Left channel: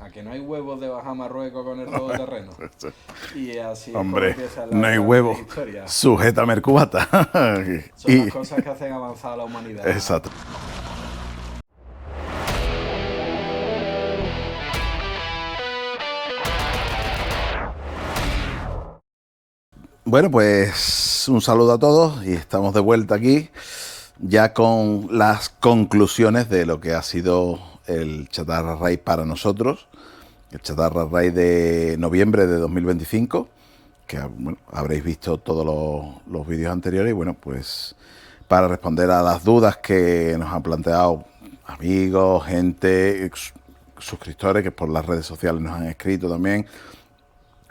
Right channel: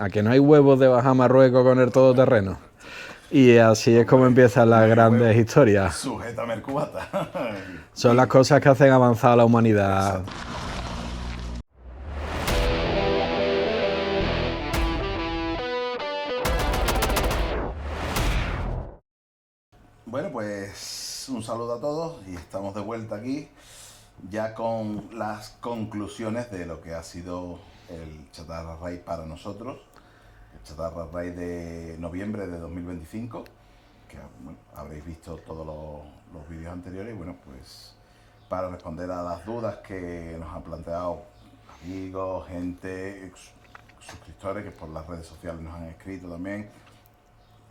¿a que no hay huevos de bajar a Marruecos con el todoterreno? Y así es como empiezan las grandes historias. Sujétame el cubata. Son las cosas que hacen avanzar a la humanidad. Exacto. Bueno, pues un saludo a todos y estamos de vuelta aquí ya con las conclusiones de lo que ha sido el Chatarra Raid para nosotros, el Chatarra Raid de noviembre de 2025, que bueno, habréis visto todos los vídeos anteriores y bueno, pues para responder a las dudas que nos han planteado amigos, gente, suscriptores que por las redes sociales nos han escrito también.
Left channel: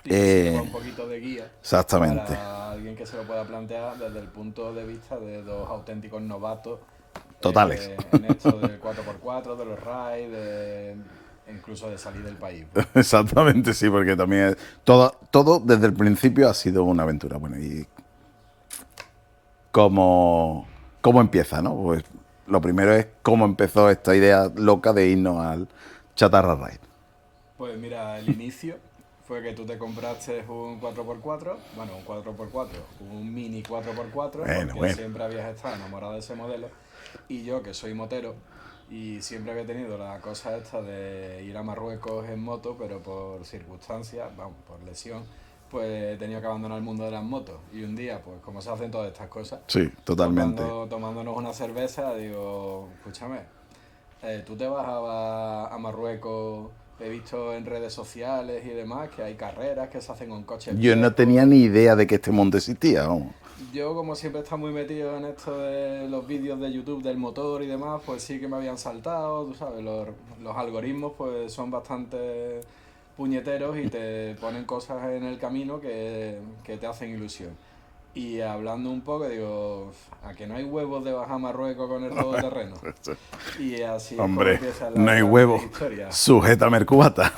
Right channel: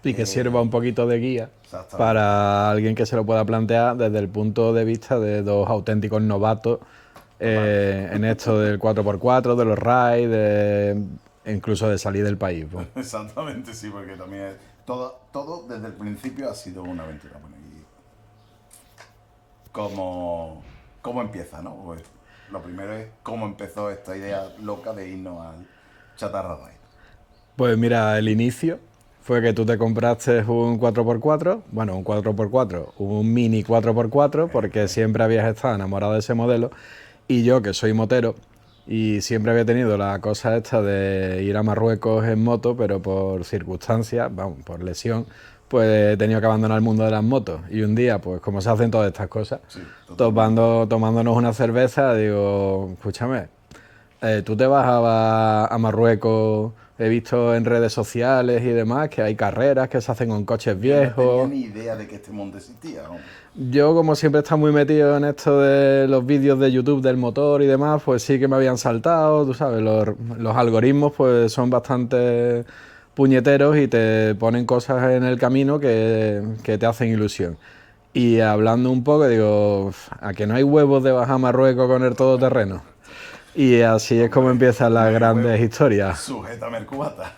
Y que sirva un poquito de guía para alguien que se lo pueda plantear desde el punto de vista de dos auténticos novatos en esto del 4x4, de los raids, incluso de salir del país. Pues. Exactamente, sí, porque también todo desde el principio ha sido una aventura. Bueno, y cómo empieza, ¿no? Pues lo primero es cómo empezó esta idea loca de irnos al Chatarra Raid. Pues mira, el inicio fue que tú te compraste un 4x4, bueno, un 4x4, un mini 4x4, porque siempre habías estado enamorado de ese modelo, y yo, que soy motero, y siempre había tenido la cosa esta de ir a Marruecos en moto, pero por circunstancias, vamos, por lesión, pues he tenido que abandonar el mundo de las motos. Y un día, pues como se hacen todas estas cosas, sí, totalmente. tomándonos una cerveza, digo, escúchame, tú te vas a Marruecos. He visto en redes sociales y demás que hay carreras que se hacen con coches viejos. Yo no tenía ni idea de que este mundo existía. Vamos. Yo, como siempre he estado muy metido en esto de los vídeos de YouTube del motor y demás, pues sí que me habían saltado, tú sabes, los algoritmos pues son bastante puñeteros y te ponen cosas en el camino que te hacen ilusión. Y hablando un poco, digo, ¿a que no hay huevos de bajar a Marruecos con el todoterreno? Y así es como empiezan las grandes historias. Sujétame el cubata.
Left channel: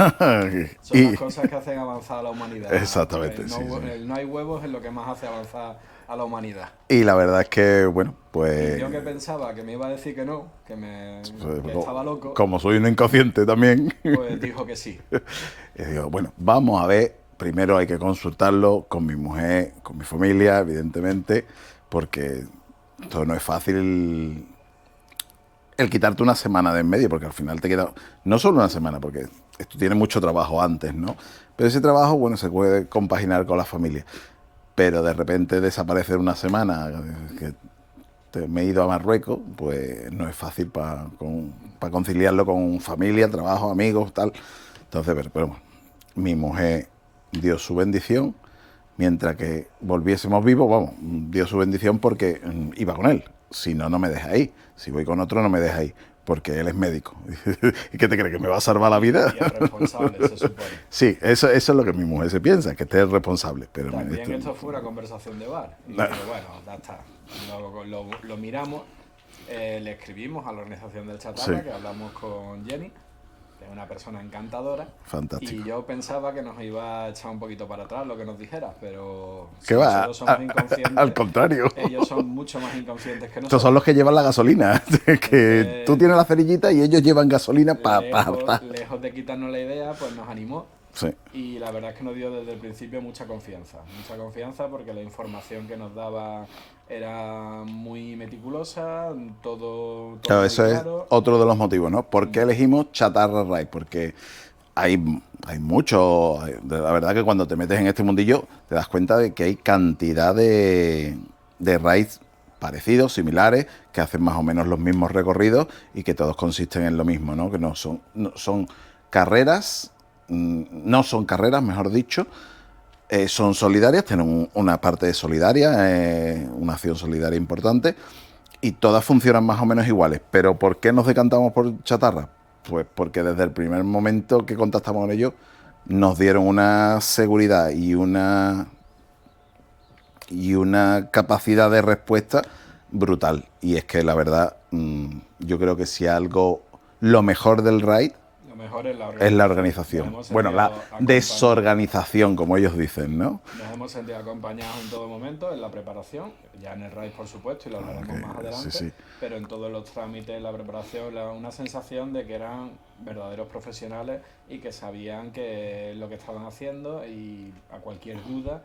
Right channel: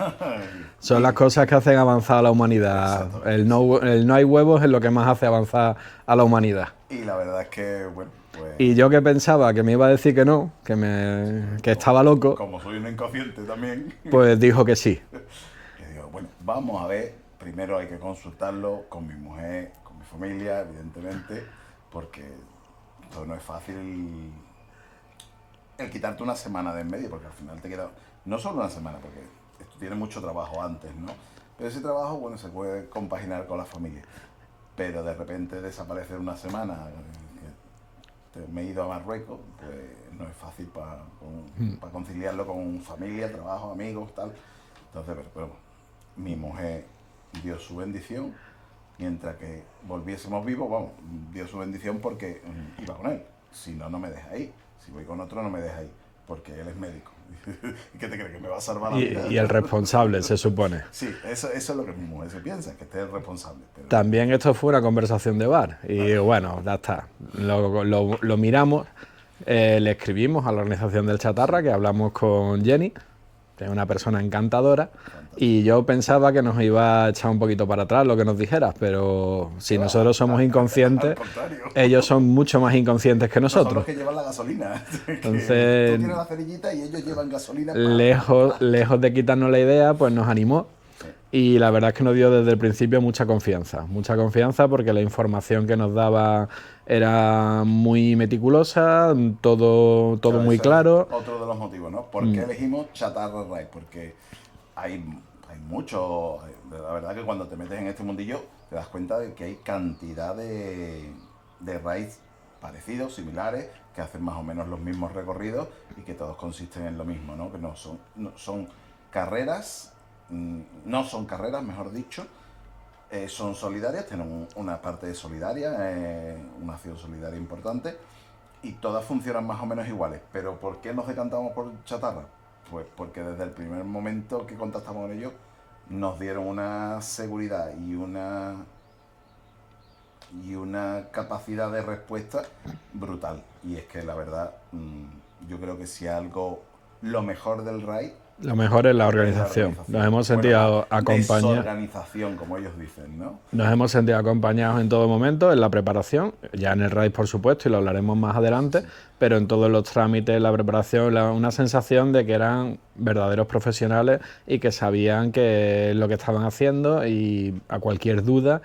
Son las cosas que hacen avanzar a la humanidad. Exactamente. El no hay huevos es lo que más hace avanzar a la humanidad. Y la verdad es que, bueno, pues... Y yo que pensaba que me iba a decir que no, que estaba loco... Como soy un inconsciente también... Pues dijo que sí. Y digo, bueno, vamos a ver... Primero hay que consultarlo con mi mujer, con mi familia, evidentemente, porque todo no es fácil el quitarte una semana de en medio, porque al final te queda no solo una semana, porque esto tiene mucho trabajo antes, ¿no? Pero ese trabajo, bueno, se puede compaginar con la familia. Pero de repente desaparecer una semana, que me he ido a Marruecos, pues no es fácil para conciliarlo con familia, trabajo, amigos, tal. Entonces, pero bueno, mi mujer dio su bendición, mientras que volviésemos vivos, vamos, dio su bendición porque iba con él. Si no, no me deja ahí. Si voy con otro, no me deja ahí, porque él es médico. ¿Y qué te crees, que me va a salvar la vida? Y el responsable, se supone. Sí, eso es lo que mi mujer se piensa, que este es el responsable. Pero también esto fue una conversación de bar. Y bueno, ya está. Lo miramos, le escribimos a la organización del Chatarra, sí, que hablamos con Jenny, que es una persona encantadora. Fantástico. Y yo pensaba que nos iba a echar un poquito para atrás lo que nos dijeras, pero si nosotros somos inconscientes, al contrario, ellos son mucho más inconscientes que nosotros. Estos son los que llevan la gasolina. Entonces, tú tienes la cerillita y ellos llevan gasolina lejos de quitarnos la idea, pues nos animó. Sí. Y la verdad es que nos dio desde el principio mucha confianza porque la información que nos daba era muy meticulosa, todo claro, muy claro. Otro de los motivos, ¿no? ¿Por qué elegimos Chatarra Raid? Porque hay mucho... La verdad que cuando te metes en este mundillo te das cuenta de que hay cantidad de raids parecidos, similares, que hacen más o menos los mismos recorridos y que todos consisten en lo mismo, ¿no? Que no son carreras, mejor dicho, son solidarias, tienen una parte solidaria, una acción solidaria importante, y todas funcionan más o menos iguales. ¿Pero por qué nos decantamos por Chatarra? Pues porque desde el primer momento que contactamos con ellos nos dieron una seguridad y una capacidad de respuesta brutal. Y es que la verdad, yo creo que si algo, lo mejor del raid, Lo mejor es la Es organización. la organización. Nos hemos Bueno, sentido la acompañados. desorganización, como ellos dicen, ¿no? Nos hemos sentido acompañados en todo momento, en la preparación, ya en el raid por supuesto, y lo hablaremos más adelante, sí. pero en todos los trámites, la preparación, una sensación de que eran verdaderos profesionales y que sabían que lo que estaban haciendo, y a cualquier duda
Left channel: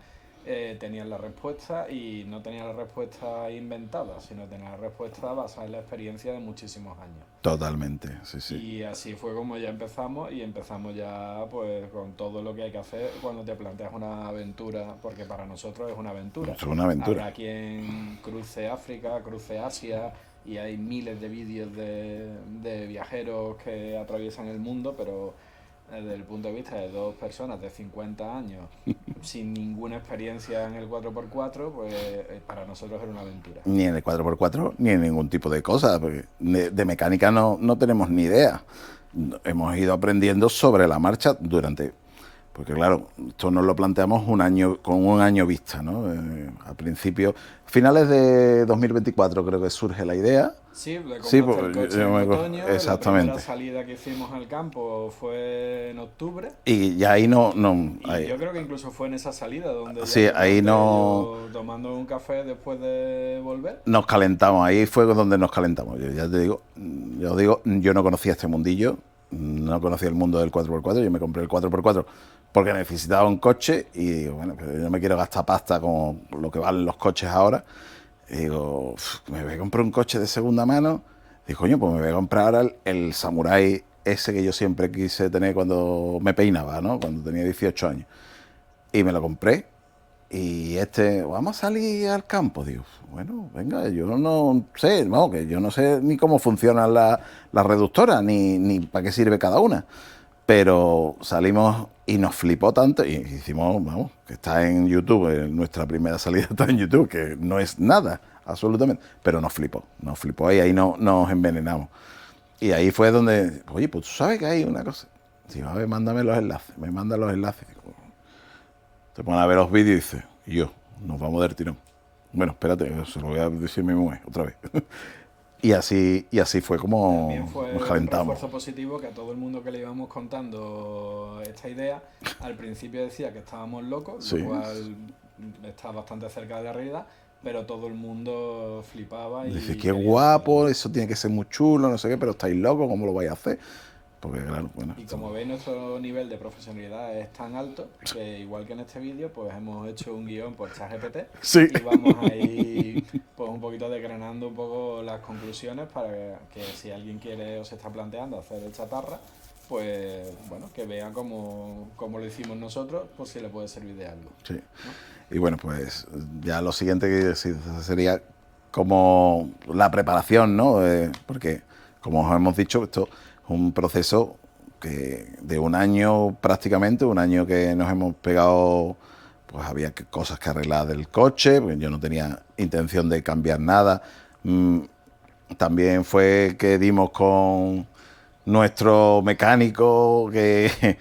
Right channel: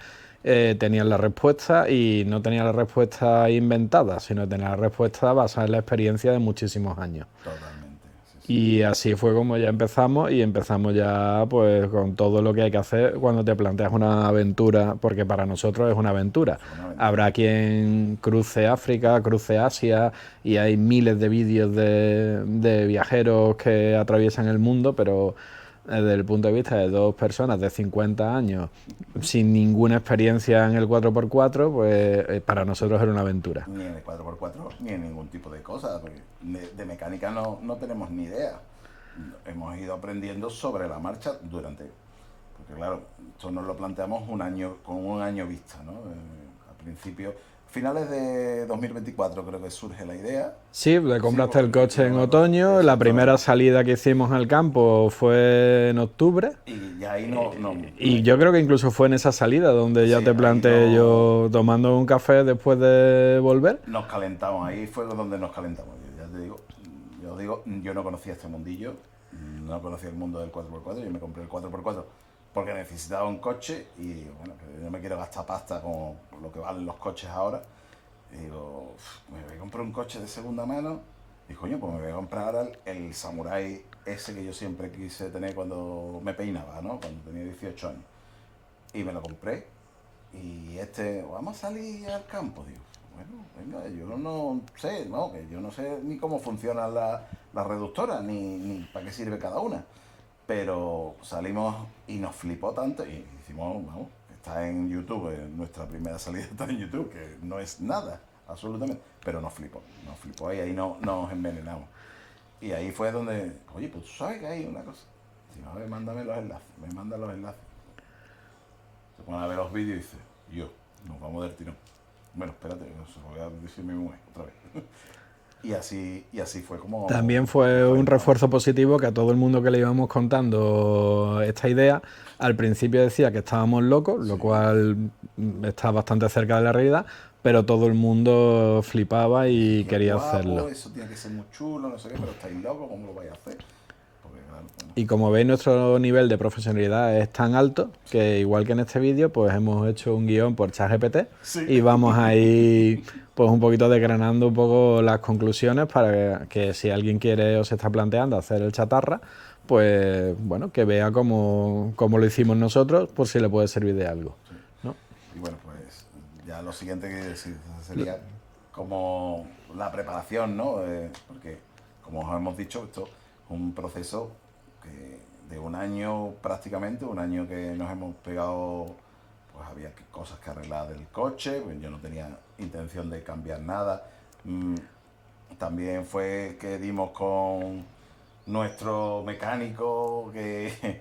tenían la respuesta, y no tenían la respuesta inventada, sino tenían la respuesta basada en la experiencia de muchísimos años. Totalmente, sí, sí. Y así fue como ya empezamos, y empezamos ya pues con todo lo que hay que hacer cuando te planteas una aventura, porque para nosotros es una aventura. Es una aventura. Habrá quien cruce África, cruce Asia, y hay miles de vídeos de viajeros que atraviesan el mundo, pero desde el punto de vista de dos personas de 50 años sin ninguna experiencia en el 4x4, pues para nosotros era una aventura. Ni en el 4x4, ni en ningún tipo de cosa, porque de mecánica no tenemos ni idea. Hemos ido aprendiendo sobre la marcha durante... Porque claro, esto nos lo planteamos un año, con un año vista, ¿no? Al principio, finales de 2024 creo que surge la idea. Sí, le compraste el coche en otoño, la primera salida que hicimos al campo fue en octubre. Y ya ahí no Y ahí, yo creo que incluso fue en esa salida donde ya sí, te ahí planteé yo tomando un café después de volver. nos calentamos, ahí fue donde nos calentamos. Yo ya te digo, yo no conocía este mundillo, no conocía el mundo del 4x4, yo me compré el 4x4 porque necesitaba un coche y digo, bueno, pero yo no me quiero gastar pasta con lo que valen los coches ahora. Y digo, me voy a comprar un coche de segunda mano. Digo, coño, pues me voy a comprar ahora el Samurai ese que yo siempre quise tener cuando me peinaba, ¿no? Cuando tenía 18 años. Y me lo compré. Y vamos a salir al campo. Digo, bueno, venga, yo no sé, no, que yo no sé ni cómo funcionan las reductoras, ni para qué sirve cada una. Pero salimos y nos flipó tanto y hicimos, vamos, que está en YouTube, nuestra primera salida está en YouTube, que no es nada, absolutamente, pero nos flipó y ahí nos envenenamos. Y ahí fue donde, oye, pues tú sabes que hay una cosa. Digo, a ver, mándame los enlaces, me manda los enlaces. Digo, te ponen a ver los vídeos y dices, y yo, nos vamos del tirón. Bueno, espérate, se lo voy a decir a mi mujer otra vez. Y así fue como... También fue un refuerzo positivo que a todo el mundo que le íbamos contando esta idea, al principio decía que estábamos locos, Sí. lo cual está bastante cerca de la realidad, pero todo el mundo flipaba y Dije, qué quería guapo, hacerlo. eso tiene que ser muy chulo, no sé qué, pero estáis locos, ¿cómo lo vais a hacer? Porque claro, bueno. Y como veis, nuestro nivel de profesionalidad es tan alto que, igual que en este vídeo, pues hemos hecho un guión por ChatGPT Sí. y vamos a ir pues un poquito desgranando un poco las conclusiones para que si alguien quiere o se está planteando hacer el chatarra, pues bueno, que vea cómo lo hicimos nosotros, por si le puede servir de algo. Sí. ¿No? Y bueno, pues ya lo siguiente que sería como la preparación, ¿no? Porque, como os hemos dicho, esto es un proceso de un año prácticamente, un año que nos hemos pegado, pues había cosas que arreglar del coche, porque yo no tenía intención de cambiar nada. También fue que dimos con nuestro mecánico que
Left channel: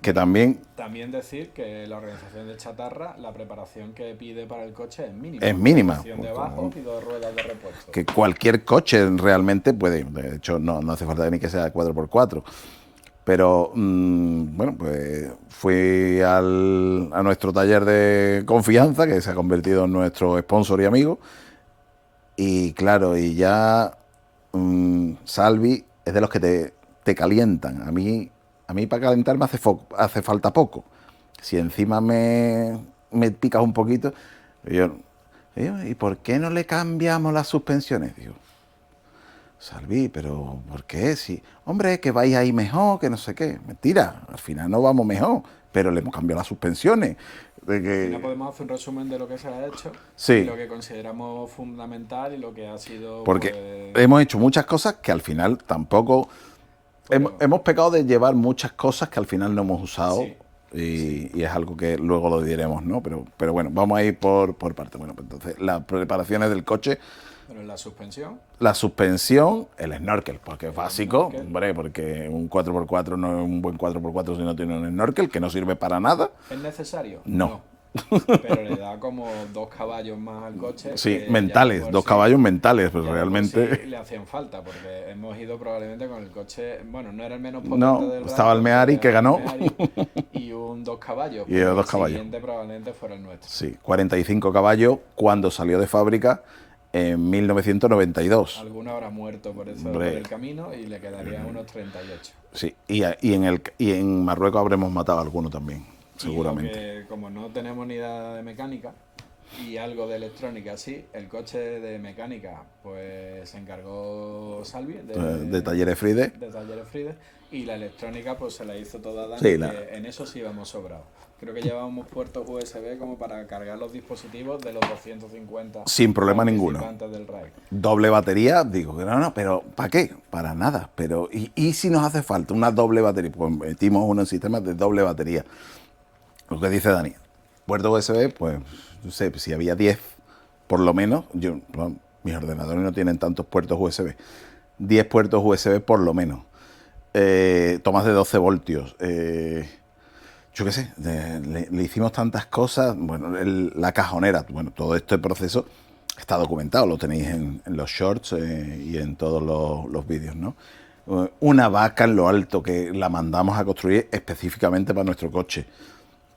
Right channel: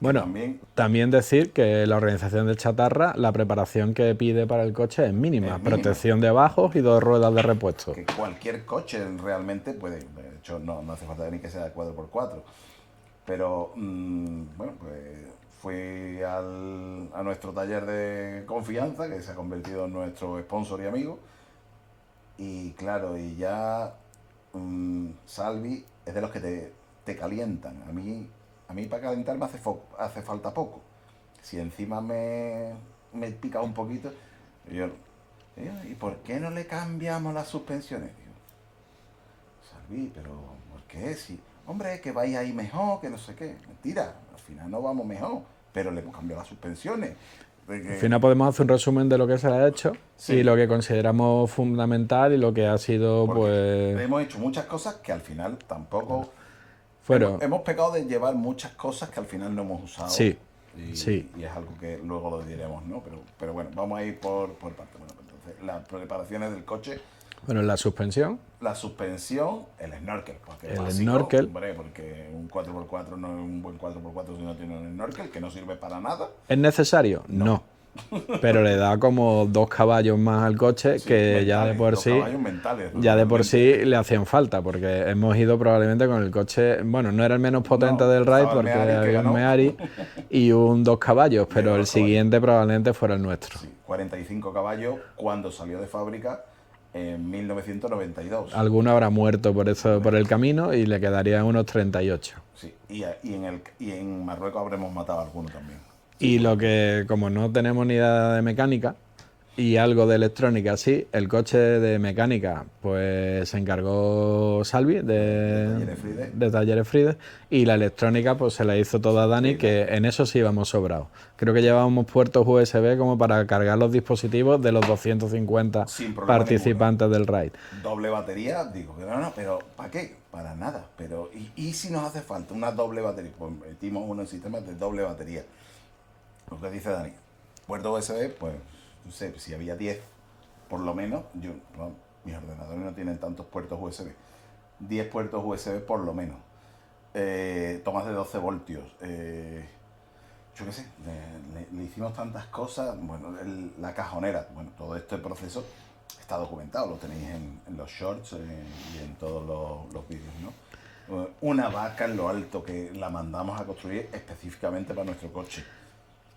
Bueno, también... También decir que la organización del chatarra, la preparación que pide para el coche es mínima. Es mínima. Protección de bajos y 2 ruedas de repuesto. Que cualquier coche realmente puede, de hecho no hace falta ni que sea 4x4, pero bueno, pues fui a nuestro taller de confianza, que se ha convertido en nuestro sponsor y amigo, y claro, y ya Salvi es de los que te calientan. A mí para calentarme hace falta poco. Si encima me picas un poquito, yo, ¿y por qué no le cambiamos las suspensiones? Digo, Salvi, pero ¿por qué? Si, hombre, que vais ahí mejor, que no sé qué. Mentira, al final no vamos mejor, pero le hemos cambiado las suspensiones. Al final podemos hacer un resumen de lo que se le ha hecho, Sí. y lo que consideramos fundamental y lo que ha sido... Porque pues, hemos hecho muchas cosas que al final tampoco... Hemos pecado de llevar muchas cosas que al final no hemos usado. Sí, Y es algo que luego lo diremos, ¿no? Pero bueno, vamos a ir por partes. Bueno, pues entonces, las preparaciones del coche, Bueno, la suspensión. la suspensión, el snorkel, porque es El básico, snorkel. hombre, porque un 4x4 no es un buen 4x4 si no tiene un snorkel, que no sirve para nada. ¿Es necesario? No. pero le da como 2 caballos más al coche Sí, que mentales, ya de por 2 sí, caballos mentales. Pero ya de por sí realmente le hacían falta, porque hemos ido probablemente con el coche, bueno, no era el menos potente no, del RAID, estaba el porque Meari que había un ganó. Meari y un 2 caballos, Y pero eran el 2 caballos. siguiente probablemente fuera el nuestro. Sí, 45 caballos cuando salió de fábrica en 1992. Alguno habrá muerto por eso, Hombre. por el camino y le quedarían unos 38. Sí, y en Marruecos habremos matado a alguno también, Y lo seguramente. que, como no tenemos ni idea de mecánica y algo de electrónica, sí, el coche de mecánica, pues se encargó Salvi De Talleres Fride. de Talleres Fride, y la electrónica, pues se la hizo toda Dani, Sí, que en eso sí íbamos sobrados. Creo que llevábamos puertos USB como para cargar los dispositivos de los 250 Sin problema participantes del raid. Doble batería, digo que no, pero ¿para qué? Para nada. Pero, ¿y si nos hace falta una doble batería? Pues metimos unos sistemas de doble batería. Lo que dice Dani, puerto USB, pues, no sé, si había 10, por lo menos, bueno, mis ordenadores no tienen tantos puertos USB. 10 puertos USB por lo menos. Tomas de 12 voltios. Yo qué sé, le hicimos tantas cosas. Bueno, la cajonera, bueno, todo este proceso está documentado, lo tenéis en los shorts y en todos los vídeos, ¿no? Una vaca en lo alto que la mandamos a construir específicamente para nuestro coche.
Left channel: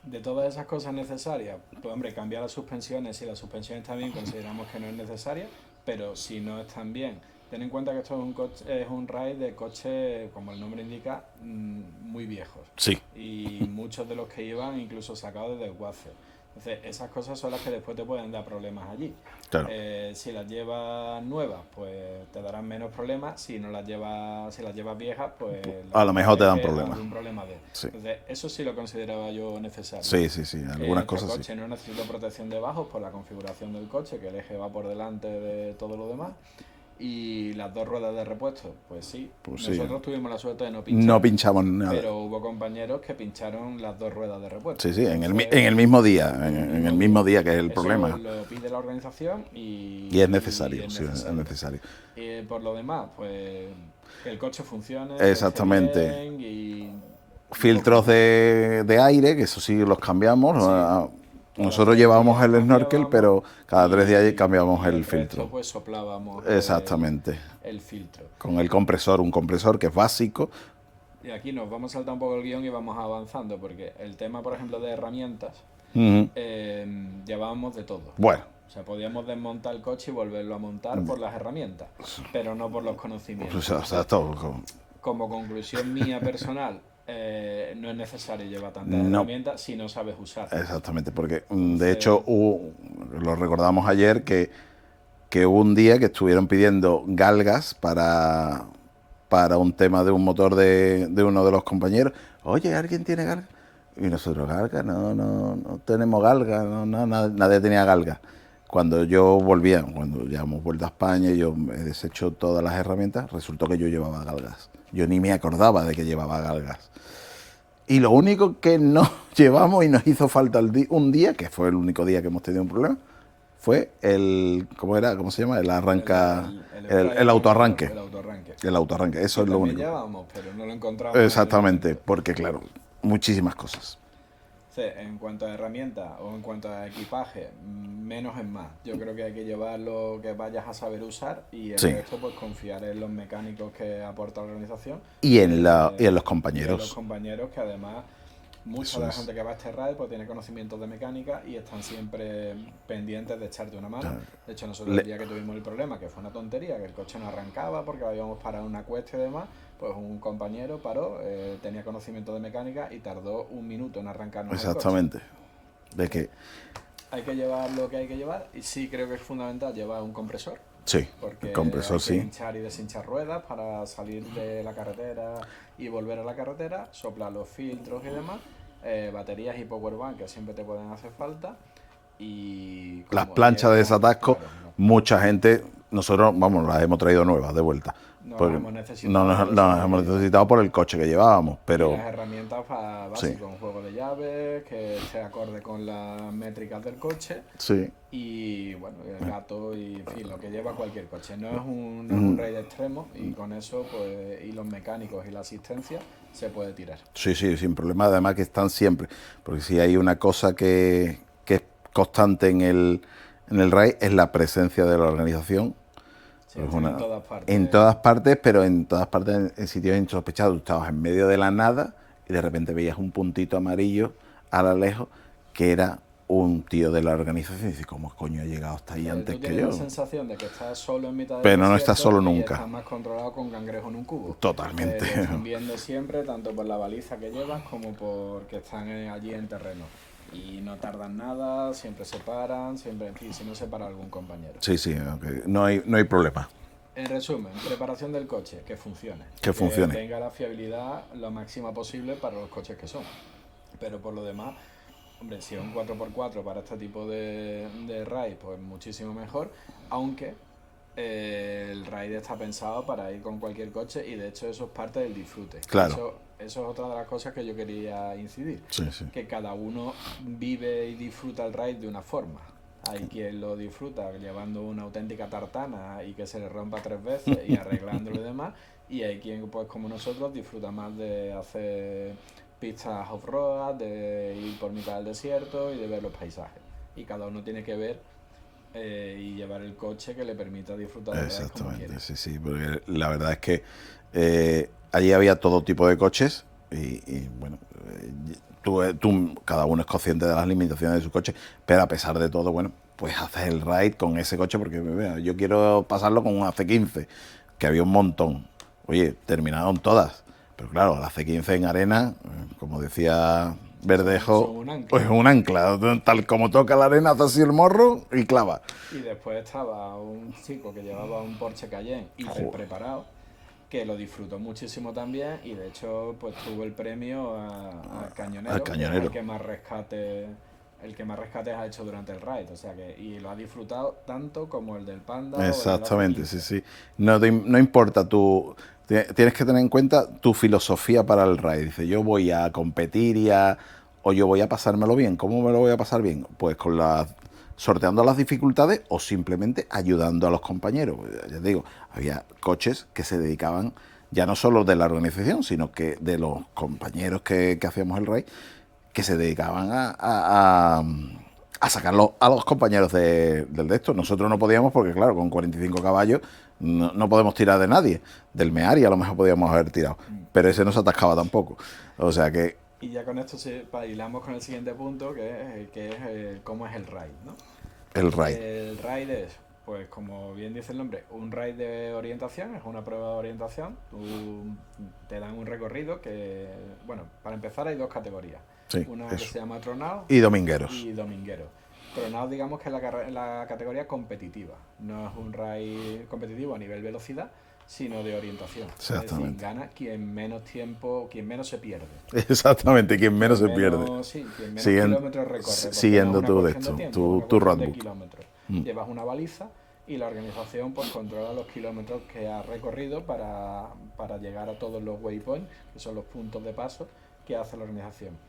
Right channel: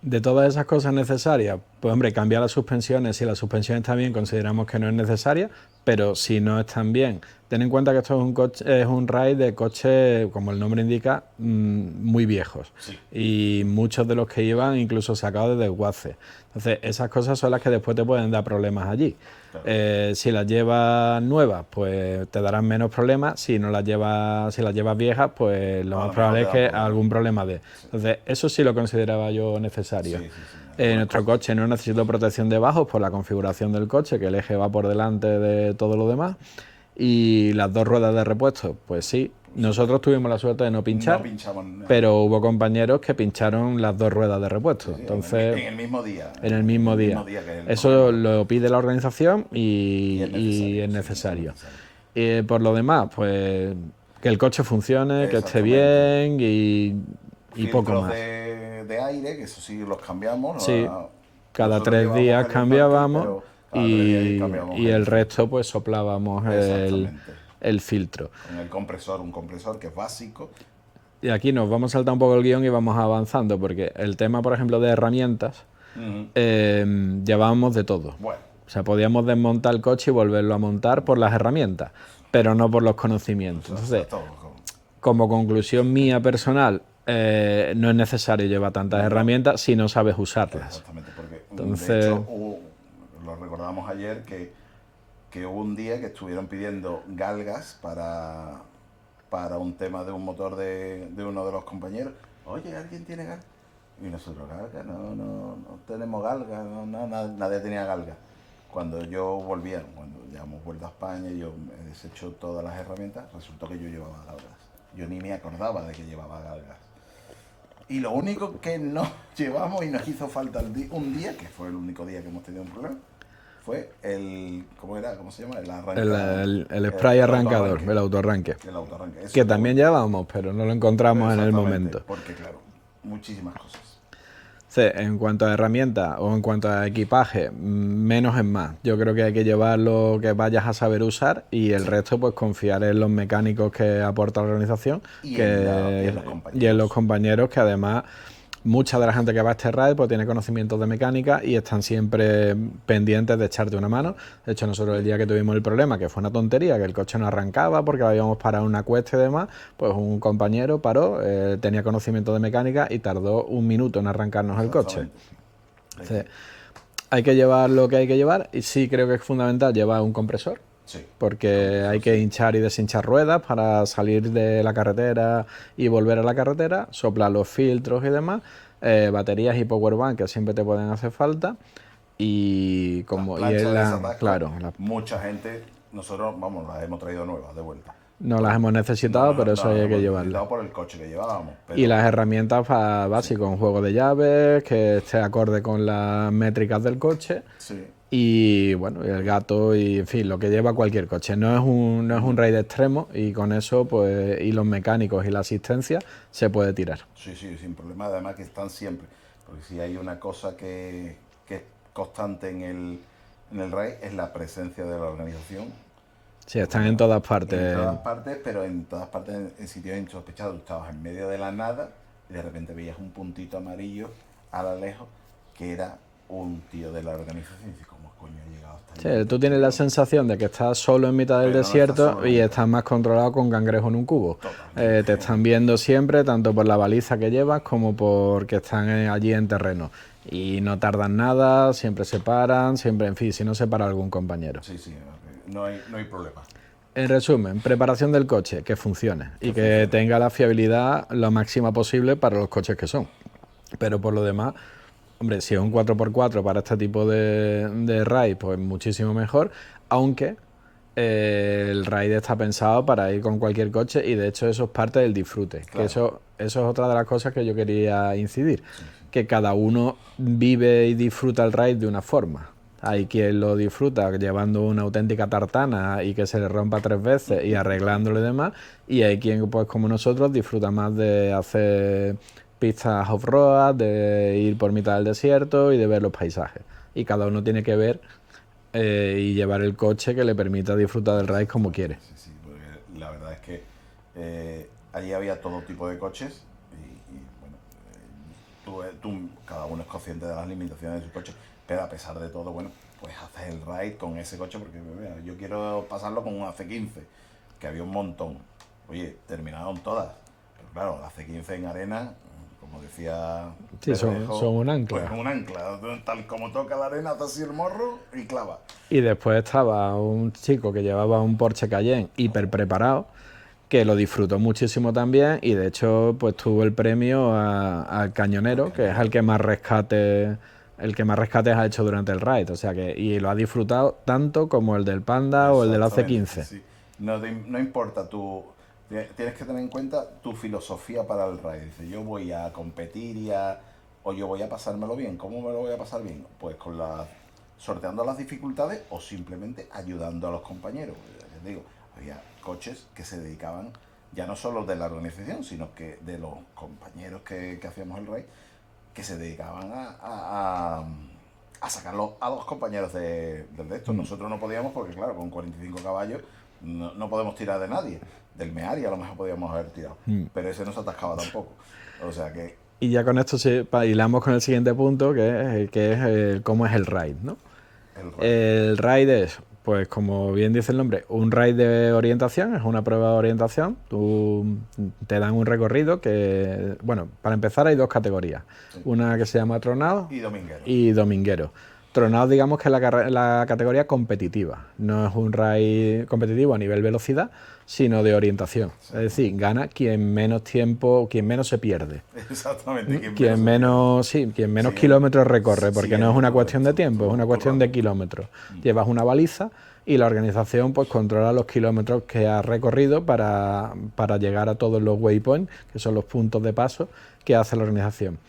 De todas esas cosas necesarias, pues hombre, cambiar las suspensiones. Si la suspensión está bien, consideramos que no es necesaria, pero si no están bien, ten en cuenta que esto es un coche, es un raid de coches, como el nombre indica, muy viejos. Sí. Y muchos de los que iban incluso sacados de desguace. Entonces, esas cosas son las que después te pueden dar problemas allí. Claro. Si las llevas nuevas, pues te darán menos problemas. Si no las llevas, si las llevas viejas, pues A lo mejor te dan problemas. algún problema de. Sí. Entonces, eso sí lo consideraba yo necesario. Sí, sí, sí. Nuestro coche no necesita protección de bajos por la configuración del coche, que el eje va por delante de todo lo demás. Y las 2 ruedas de repuesto, pues sí. Nosotros tuvimos la suerte de no pinchar. No pinchamos nada. Pero hubo compañeros que pincharon las 2 ruedas de repuesto. Sí, sí, Entonces, en el mismo día. en el mismo día. Que es el Eso problema. lo pide la organización y es necesario. y es sí, necesario. es necesario. Por lo demás, pues que el coche funcione, que esté Exactamente. bien y Filtros poco más. de aire, que eso sí los cambiamos. Sí. ¿no? Cada Nosotros 3 llevábamos días el snorkel, cambiábamos pero cada 3 días cambiábamos y el el filtro. resto pues soplábamos Exactamente. el filtro. Con el compresor, un compresor que es básico. Y aquí nos vamos a saltar un poco el guión y vamos avanzando, porque el tema, por ejemplo, de herramientas, llevábamos de todo. Bueno, O sea, podíamos desmontar el coche y volverlo a montar por las herramientas, pero no por los conocimientos. o sea, todo. Como conclusión mía personal, no es necesario llevar tantas herramientas si no sabes usarlas. Exactamente, porque Entonces, de hecho lo recordamos ayer que hubo un día que estuvieron pidiendo galgas para un tema de un motor de uno de los compañeros. Oye, ¿alguien tiene galga? Y nosotros, galga, no tenemos galga, nadie tenía galga. Cuando yo volvía, cuando ya hemos vuelto a España y yo he deshecho todas las herramientas, resultó que yo llevaba galgas. Yo ni me acordaba de que llevaba galgas. Y lo único que no llevamos y nos hizo falta un día, que fue el único día que hemos tenido un problema, fue ¿cómo se llama? El arranca... el spray el arrancador, autoarranque. El autoarranque. El autoarranque. Eso Que es lo también único. llevábamos, pero no lo encontramos en el Exactamente, momento. porque claro, muchísimas cosas. Sí, en cuanto a herramientas o en cuanto a equipaje, menos es más. Yo creo que hay que llevar lo que vayas a saber usar y el Sí. resto pues confiar en los mecánicos que aporta la organización Y en los compañeros. Y en los compañeros que además mucha de la gente que va a este raid pues tiene conocimientos de mecánica y están siempre pendientes de echarte una mano. De hecho, nosotros el día que tuvimos el problema, que fue una tontería, que el coche no arrancaba porque habíamos parado una cuesta y demás, pues un compañero paró, tenía conocimiento de mecánica y tardó 1 minuto en arrancarnos el coche. Exactamente. Es Sí. que, Hay que llevar lo que hay que llevar y sí creo que es fundamental llevar un compresor. sí. Porque compresor, hay que sí. hinchar y deshinchar ruedas para salir de la carretera y volver a la carretera, soplar los filtros y demás, baterías y powerbank que siempre te pueden hacer falta y Las como planchas de desatasco, claro, mucha gente, nosotros, vamos, las hemos traído nuevas de vuelta. no las hemos necesitado, No pero eso las hay que hemos llevarlas. necesitado por el coche que llevábamos. Pero, Y las herramientas básicas, un juego de llaves que esté acorde con las métricas del coche. sí. Y bueno, el gato y en fin, lo que lleva cualquier coche. No es un raid extremo y con eso, pues, y los mecánicos y la asistencia se puede tirar. Sí, sin problema. Además que están siempre. Porque si hay una cosa que constante en el RAI es la presencia de la organización. Sí, están en todas partes. En todas partes, pero en todas partes en sitios insospechados. Tú estabas en medio de la nada y de repente veías un puntito amarillo a lo lejos que era un tío de la organización y dices, ¿cómo coño ha llegado hasta ahí? Sí, antes tú tienes que la yo? sensación de que estás solo en mitad del Pero no desierto estás solo y nunca. estás más controlado con cangrejo en un cubo. Totalmente. Te están viendo siempre, tanto por la baliza que llevas como porque están allí en terreno. Y no tardan nada, siempre se paran, siempre, en fin, si no se para algún compañero. Sí, sí, okay. No hay problema. En resumen, preparación del coche, que funcione. Que y que funcione. tenga la fiabilidad lo máxima posible para los coches que son. Pero por lo demás, hombre, si es un 4x4 para este tipo de raid, pues muchísimo mejor, aunque el raid está pensado para ir con cualquier coche y de hecho eso es parte del disfrute. Claro. Eso es otra de las cosas que yo quería incidir, Sí, sí. que cada uno vive y disfruta el raid de una forma. Hay quien lo disfruta llevando una auténtica tartana y que se le rompa 3 veces y arreglándolo y demás, y hay quien, pues como nosotros, disfruta más de hacer pistas off-road, de ir por mitad del desierto y de ver los paisajes. Y cada uno tiene que ver y llevar el coche que le permita disfrutar del raid como quiere. Sí, sí, porque la verdad es que allí había todo tipo de coches y bueno, cada uno es consciente de las limitaciones de su coche, pero a pesar de todo, bueno, pues haces el raid con ese coche porque mira, yo quiero pasarlo con un AC15, que había un montón. Oye, terminaron todas, pero claro, la C15 en arena, como decía Sí, Verdejo, son un ancla. pues un ancla, tal como toca la arena, hace así el morro y clava. Y después estaba un chico que llevaba un Porsche Cayenne hiper preparado, que lo disfrutó muchísimo también y de hecho pues tuvo el premio al cañonero, que es el que más rescates ha hecho durante el raid, o sea que y lo ha disfrutado tanto como el del Panda o el del AC15. Sí, sí. No importa tienes que tener en cuenta tu filosofía para el raid. Dice, yo voy a competir o yo voy a pasármelo bien. ¿Cómo me lo voy a pasar bien? Pues sorteando las dificultades o simplemente ayudando a los compañeros. Ya te digo, había coches que se dedicaban ya no solo de la organización, sino que de los compañeros que hacíamos el raid, que se dedicaban a sacarlo a los compañeros del de esto. Nosotros no podíamos porque, claro, con 45 caballos no podemos tirar de nadie. Del Meari a lo mejor podíamos haber tirado, pero ese no se atascaba tampoco. O sea que... Y ya con esto hilamos con el siguiente punto, que es cómo es el raid, ¿no? El raid. El raid es, pues como bien dice el nombre, un raid de orientación, es una prueba de orientación. Te dan un recorrido que, bueno, para empezar hay 2 categorías. Sí, una que eso. se llama Tronado Y domingueros. y Dominguero. Tronado, digamos que es la categoría competitiva. No es un raid competitivo a nivel velocidad, sino de orientación. Es decir, gana quien menos tiempo, quien menos se pierde. Exactamente, quien menos se pierde. Sí, quien menos kilómetros recorre, porque no es una cuestión de tiempo, es una cuestión de roadbook. kilómetros. Llevas una baliza y la organización pues controla los kilómetros que has recorrido para llegar a todos los waypoints, que son los puntos de paso que hace la organización.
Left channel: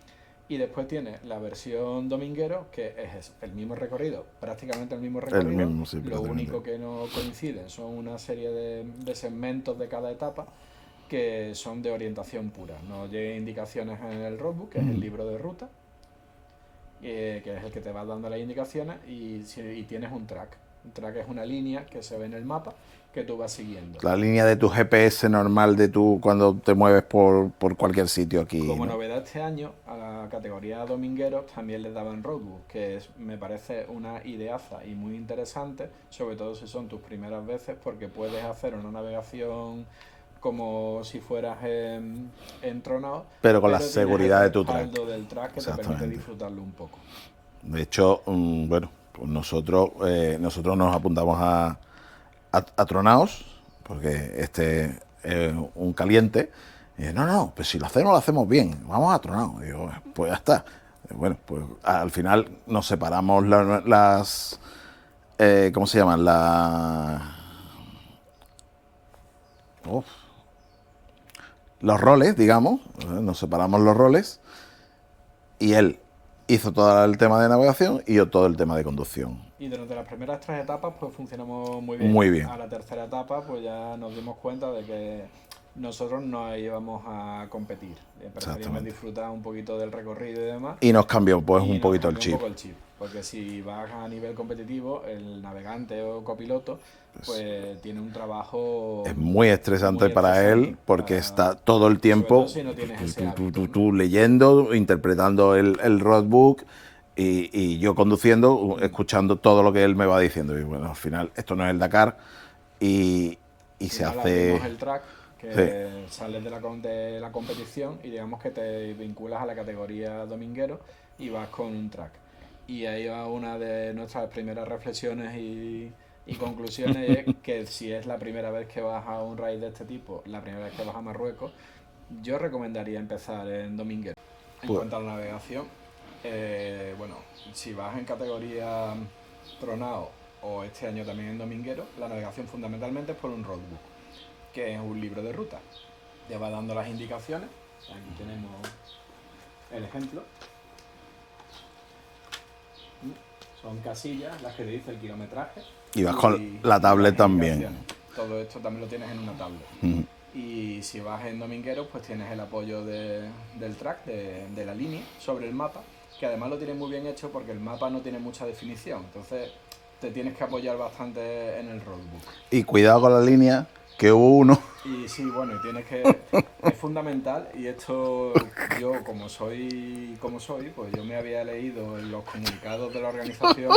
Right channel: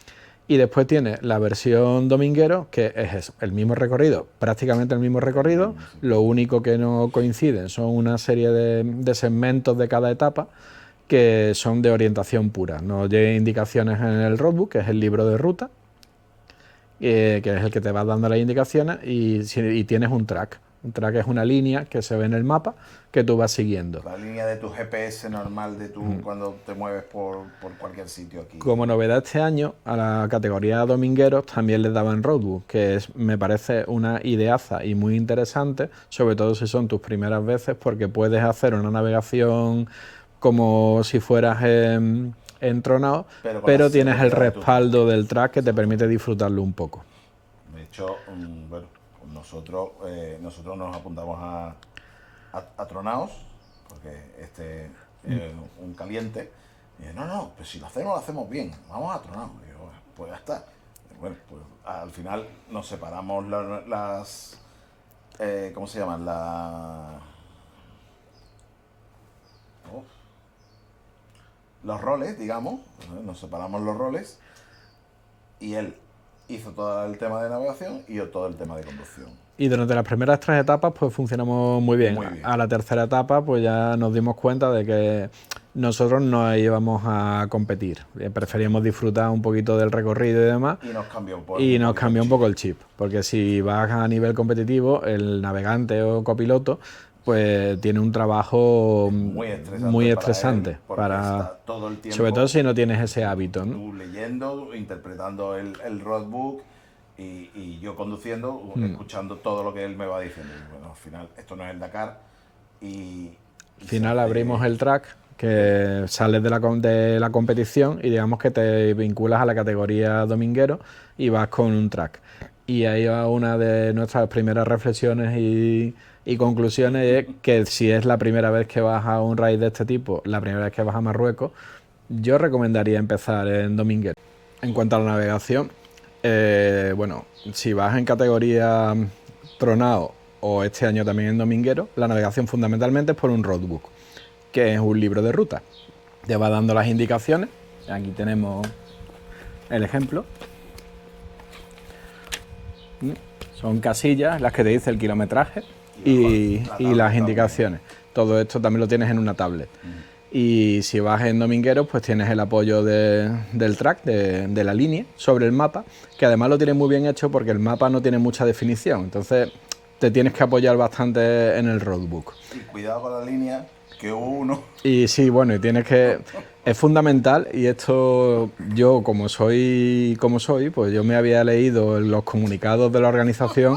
Y después tiene la versión dominguero, que es eso, el mismo recorrido, prácticamente el mismo recorrido. Sí, lo único que no coinciden son una serie de segmentos de cada etapa que son de orientación pura. Nos llegan indicaciones en el roadbook, que es el libro de ruta, que es el que te va dando las indicaciones, y tienes un track. Un track es una línea que se ve en el mapa que tú vas siguiendo. La línea de tu GPS normal de cuando te mueves por cualquier sitio aquí. Como novedad este año, a la categoría domingueros también les daban roadbook, que me parece una ideaza y muy interesante, sobre todo si son tus primeras veces, porque puedes hacer una navegación como si fueras entronado, pero tienes el respaldo del track que te permite disfrutarlo un poco. De hecho, bueno, pues nosotros nos apuntamos a Tronaos, porque este es un caliente. Y no, pues si lo hacemos bien, vamos a Tronaos. Y digo, pues ya está. Bueno, pues al final nos separamos las ¿cómo se llaman? Los roles, digamos. Nos separamos los roles y él hizo todo el tema de navegación y yo todo el tema de conducción. Y durante las primeras 3 etapas pues funcionamos muy bien. Muy bien. A la tercera etapa pues ya nos dimos cuenta de que nosotros no íbamos a competir. Preferíamos disfrutar un poquito del recorrido y demás. Y nos cambió pues Y un nos poquito cambió el un chip. poco el chip. Porque si vas a nivel competitivo, el navegante o copiloto pues tiene un trabajo Es muy estresante, muy para estresante él porque para- está todo el tiempo. sobre todo si no tienes ese hábito, ¿no? Tú leyendo, interpretando el roadbook y yo conduciendo, escuchando todo lo que él me va diciendo. Y bueno, al final, esto no es el Dakar y Al se final hace- abrimos el track, que sales de la competición y digamos que te vinculas a la categoría dominguero y vas con un track. Y ahí va una de nuestras primeras reflexiones y conclusiones, es que si es la primera vez que vas a un raid de este tipo, la primera vez que vas a Marruecos, yo recomendaría empezar en dominguero. En cuanto a la navegación, bueno, si vas en categoría tronado o este año también en dominguero, la navegación fundamentalmente es por un roadbook, que es un libro de ruta. Te va dando las indicaciones. Aquí tenemos el ejemplo. Son casillas las que te dice el kilometraje Y vas con la tablet las también. indicaciones. Todo esto también lo tienes en una tablet. Y si vas en domingueros, pues tienes el apoyo del track, de la línea, sobre el mapa, que además lo tienes muy bien hecho porque el mapa no tiene mucha definición. Entonces te tienes que apoyar bastante en el roadbook. Y cuidado con la línea, que hubo uno. Y sí, bueno, y tienes que... Es fundamental, y esto yo como soy, pues yo me había leído los comunicados de la organización,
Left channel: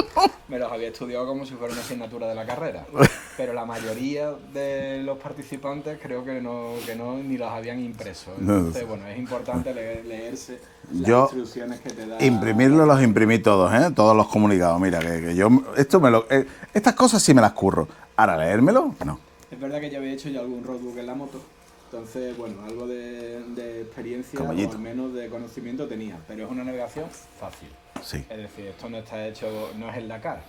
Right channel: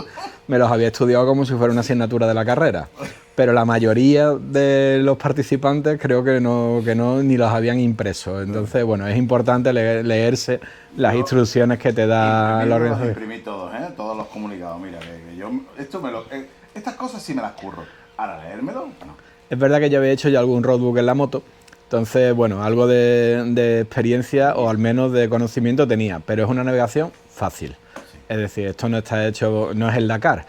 me los había estudiado como si fuera una asignatura de la carrera. Pero la mayoría de los participantes creo que no ni los habían impreso. Entonces, bueno, es importante leerse las Yo instrucciones que te da... la Imprimirlos los organización. imprimí todos, ¿eh? Todos los comunicados. Mira, que yo estas cosas sí me las curro. Ahora, leérmelo, no. Es verdad que yo había hecho ya algún roadbook en la moto, entonces, bueno, algo de experiencia o al menos de conocimiento tenía, pero es una navegación fácil. Sí. Es decir, esto no está hecho, no es el Dakar,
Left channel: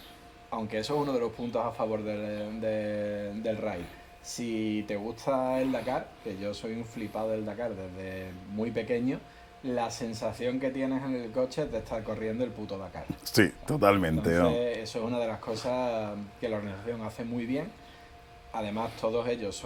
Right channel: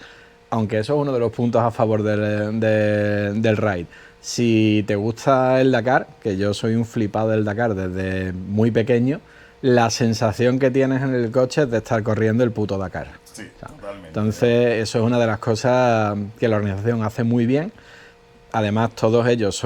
aunque eso es uno de los puntos a favor del raid. Si te gusta el Dakar, que yo soy un flipado del Dakar desde muy pequeño, la sensación que tienes en el coche es de estar corriendo el puto Dakar. Sí, totalmente. Entonces, eso es una de las cosas que la organización hace muy bien. Además, todos ellos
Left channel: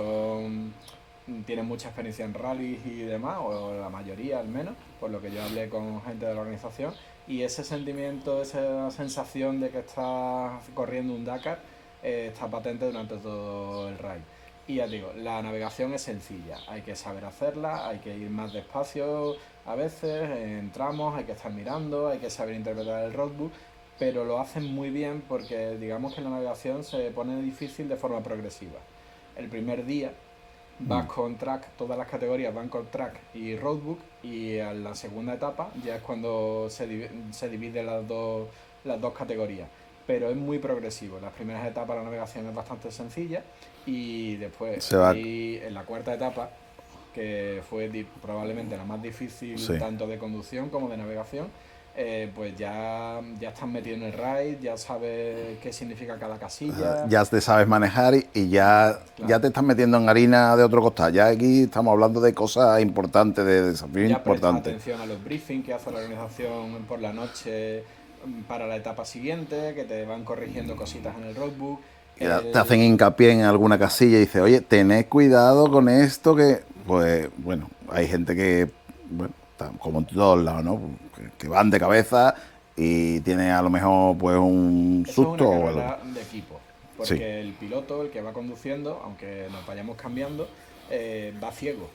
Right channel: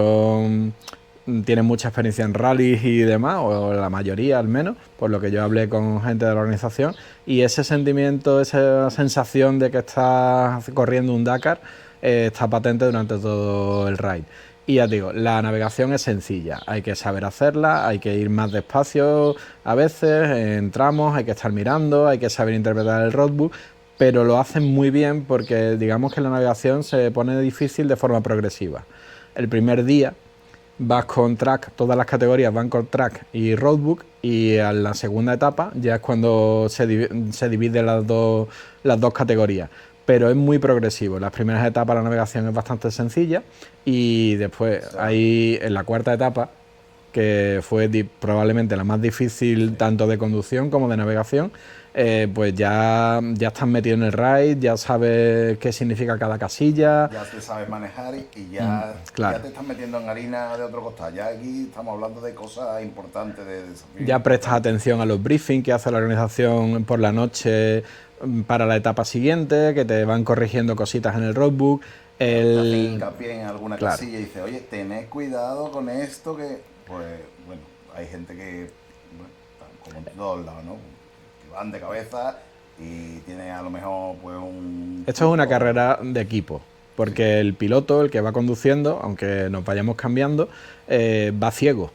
tienen mucha experiencia en rallies y demás, o la mayoría al menos, por lo que yo hablé con gente de la organización, y ese sentimiento, esa sensación de que estás corriendo un Dakar, está patente durante todo el raid. Y ya te digo, la navegación es sencilla, hay que saber hacerla, hay que ir más despacio a veces, en tramos, hay que estar mirando, hay que saber interpretar el roadbook, pero lo hacen muy bien porque digamos que la navegación se pone difícil de forma progresiva. El primer día vas con track, todas las categorías van con track y roadbook, y a la segunda etapa ya es cuando se dividen las dos categorías. Pero es muy progresivo. En las primeras etapas la navegación es bastante sencilla y después ahí en la cuarta etapa, que fue probablemente la más difícil tanto de conducción como de navegación, pues ya estás metido en el raid, ya sabes qué significa cada casilla. Ya te sabes manejar y ya, claro. ya te estás metiendo en harina de otro costal. Ya aquí estamos hablando de cosas importantes, de desafíos Ya prestas importantes. atención a los briefings que hace la organización por la noche para la etapa siguiente, que te van corrigiendo cositas en el roadbook. Te hacen hincapié en alguna casilla y dices, oye, tened cuidado con esto que... Pues bueno, hay gente que, bueno, como en todos lados, ¿no? Que van de cabeza y tiene a lo mejor pues un... Esto es una carrera de equipo, porque el piloto, el que va conduciendo, aunque nos vayamos cambiando, va ciego.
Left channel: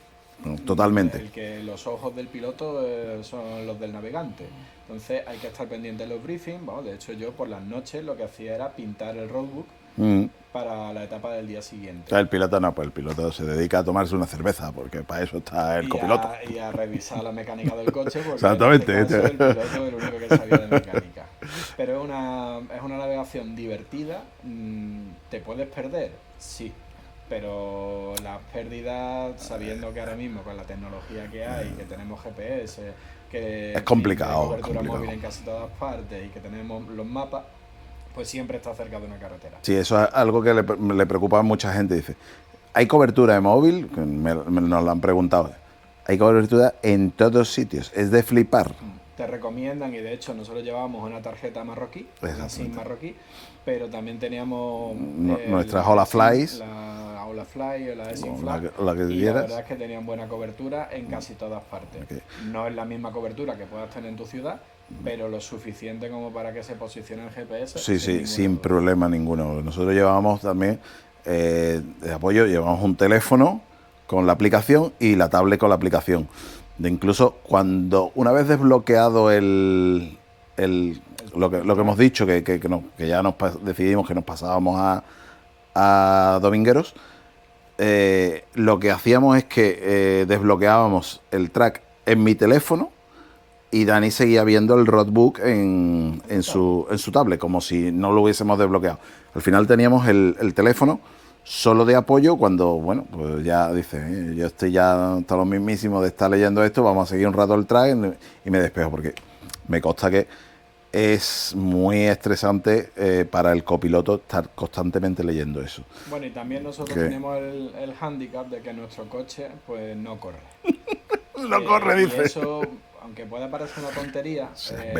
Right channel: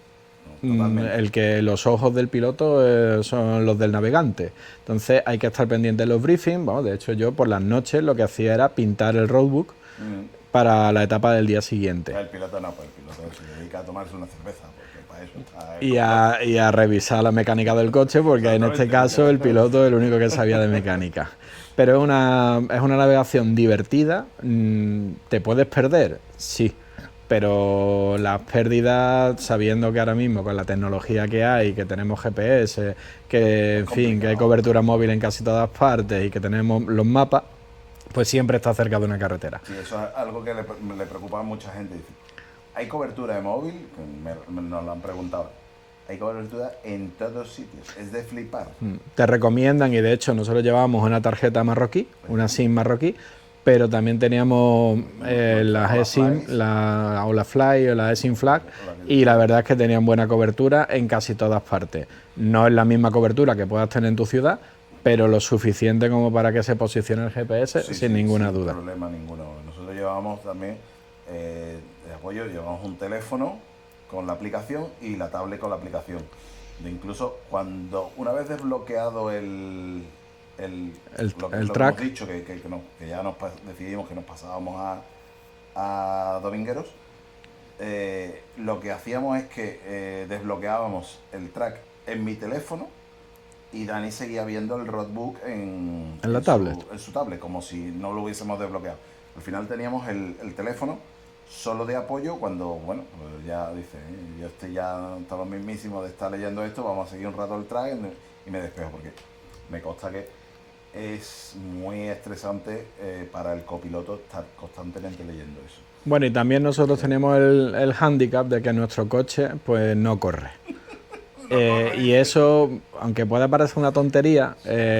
Totalmente. El que los ojos del piloto son los del navegante. Entonces hay que estar pendiente de los briefings. Bueno, de hecho, yo por las noches lo que hacía era pintar el roadbook para la etapa del día siguiente. El piloto no, pues el piloto se dedica a tomarse una cerveza, porque para eso está el y a revisar la mecánica del coche, porque en este caso el piloto es el único que sabía de mecánica. Pero es una navegación divertida. ¿Te puedes perder? Sí. Pero las pérdidas, sabiendo que ahora mismo con la tecnología que hay, que tenemos GPS, que, en fin, que hay cobertura móvil en casi todas partes y que tenemos los mapas, pues siempre está cerca de una carretera. Sí, eso es algo que le preocupa a mucha gente. Dice, ¿hay cobertura de móvil? Nos lo han preguntado. Hay cobertura en todos sitios, es de flipar. Te recomiendan, y de hecho nosotros llevábamos una tarjeta marroquí, una SIM marroquí, pero también teníamos nuestras Ola Flies. la Ola Fly o la Esin Flag, y la quieras. verdad es que tenían buena cobertura en casi todas partes. No es la misma cobertura que puedas tener en tu ciudad, pero lo suficiente como para que se posicione el GPS sin ninguna sin duda. problema ninguno. Nosotros llevábamos también de apoyo, llevamos un teléfono con la aplicación y la tablet con la aplicación. De incluso cuando una vez desbloqueado lo que hemos dicho, que ya decidimos que nos pasábamos a Domingueros, lo que hacíamos es que desbloqueábamos el track en mi teléfono y Dani seguía viendo el roadbook en su tablet, como si no lo hubiésemos desbloqueado. Al final teníamos el teléfono solo de apoyo cuando, bueno, pues ya dice, yo estoy ya hasta lo mismísimo de estar leyendo esto, vamos a seguir un rato el track y me despejo, porque me consta que es muy estresante para el copiloto estar constantemente leyendo eso. Bueno, y también nosotros tenemos el hándicap de que nuestro coche pues no corre. Y eso, aunque pueda parecer una tontería,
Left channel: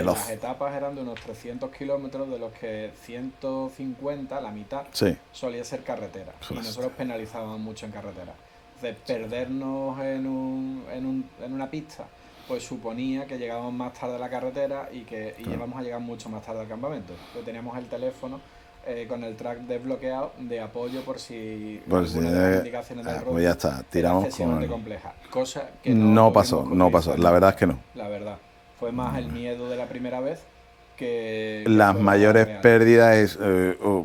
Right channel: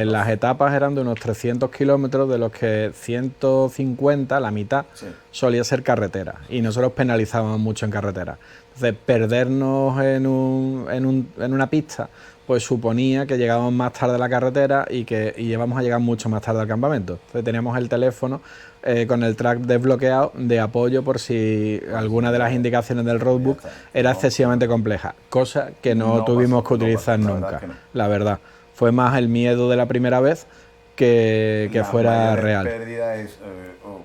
las etapas eran de unos 300 kilómetros, de los que 150, la mitad, solía ser carretera. Y nosotros penalizábamos mucho en carretera. Entonces, perdernos en una pista, pues suponía que llegábamos más tarde a la carretera y íbamos a llegar mucho más tarde al campamento. Entonces, teníamos el teléfono con el track desbloqueado de apoyo por si alguna de las indicaciones del roadbook era excesivamente compleja, cosa que no tuvimos que utilizar nunca. La verdad es que no. La verdad, fue más el miedo de la primera vez que las fuera mayores real. pérdidas es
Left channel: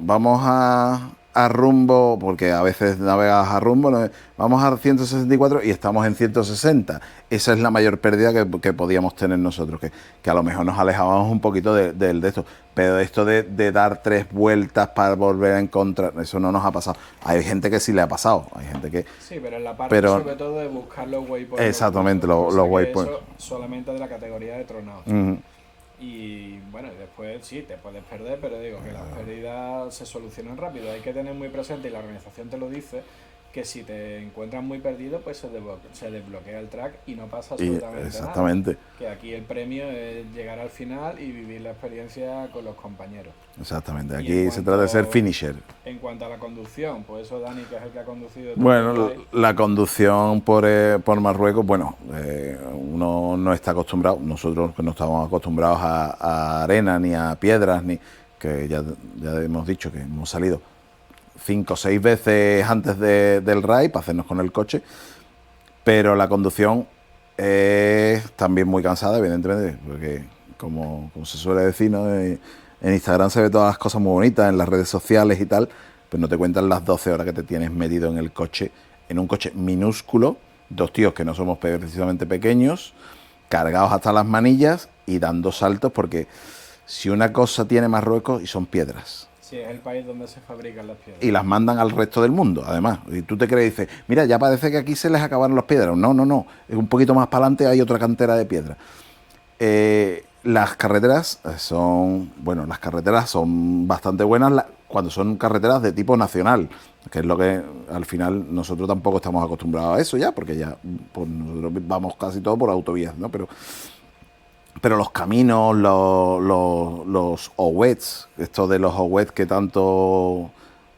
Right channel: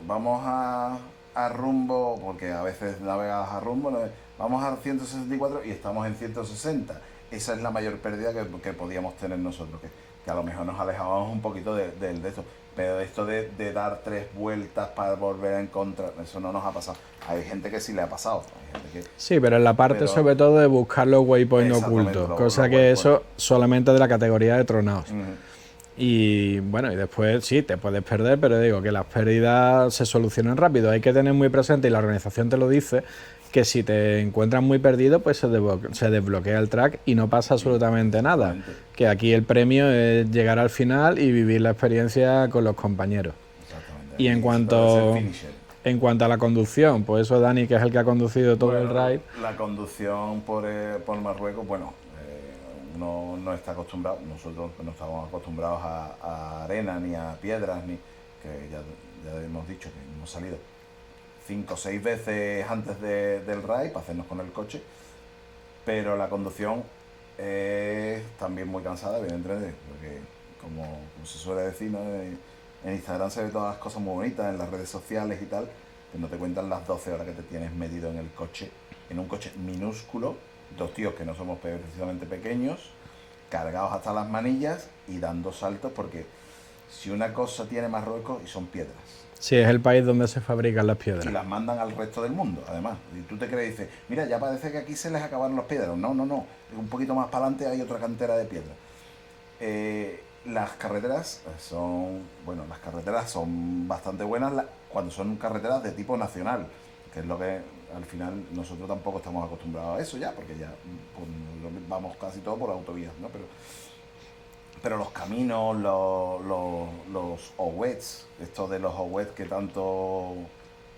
vamos a rumbo, porque a veces navegas a rumbo, ¿no? Vamos a 164 y estamos en 160. Esa es la mayor pérdida que podíamos tener nosotros, que a lo mejor nos alejábamos un poquito de esto. Pero esto de dar 3 vueltas para volver a encontrar, eso no nos ha pasado. Hay gente que sí le ha pasado, hay gente que... Sí, pero en la parte sobre todo de buscar los waypoints exactamente, ocultos, cosa que eso solamente de la categoría de tronados. Y bueno, y después sí, te puedes perder, pero digo que las pérdidas se solucionan rápido. Hay que tener muy presente, y la organización te lo dice, que si te encuentras muy perdido, pues se desbloquea el track y no pasa absolutamente nada. Que aquí el premio es llegar al final y vivir la experiencia con los compañeros. Exactamente, aquí y en cuanto, se trata de ser finisher. En cuanto a la conducción, pues eso Dani, que es el que ha conducido todo el ride. La conducción por Marruecos, bueno, uno no está acostumbrado, nosotros no estamos acostumbrados a arena ni a piedras, ni que ya hemos dicho que hemos salido 5 o 6 veces antes del ride para hacernos con el coche, pero la conducción es también muy cansada, evidentemente, porque como se suele decir, ¿no? En Instagram se ve todas las cosas muy bonitas, en las redes sociales y tal, pero no te cuentan las 12 horas que te tienes metido en el coche, en un coche minúsculo, 2 tíos que no somos precisamente pequeños, cargados hasta las manillas y dando saltos, porque si una cosa tiene Marruecos, y son piedras. Sí, es el país donde se fabrican las piedras. Y las mandan al resto del mundo, además. Y tú te crees y dices, mira, ya parece que aquí se les acabaron las piedras. No. Un poquito más para adelante hay otra cantera de piedras. Las carreteras son bastante buenas cuando son carreteras de tipo nacional, que es lo que al final nosotros tampoco estamos acostumbrados a eso ya, porque ya pues, nosotros vamos casi todo por autovías, ¿no? Pero los caminos, los OWETs, esto de los OWETs que tanto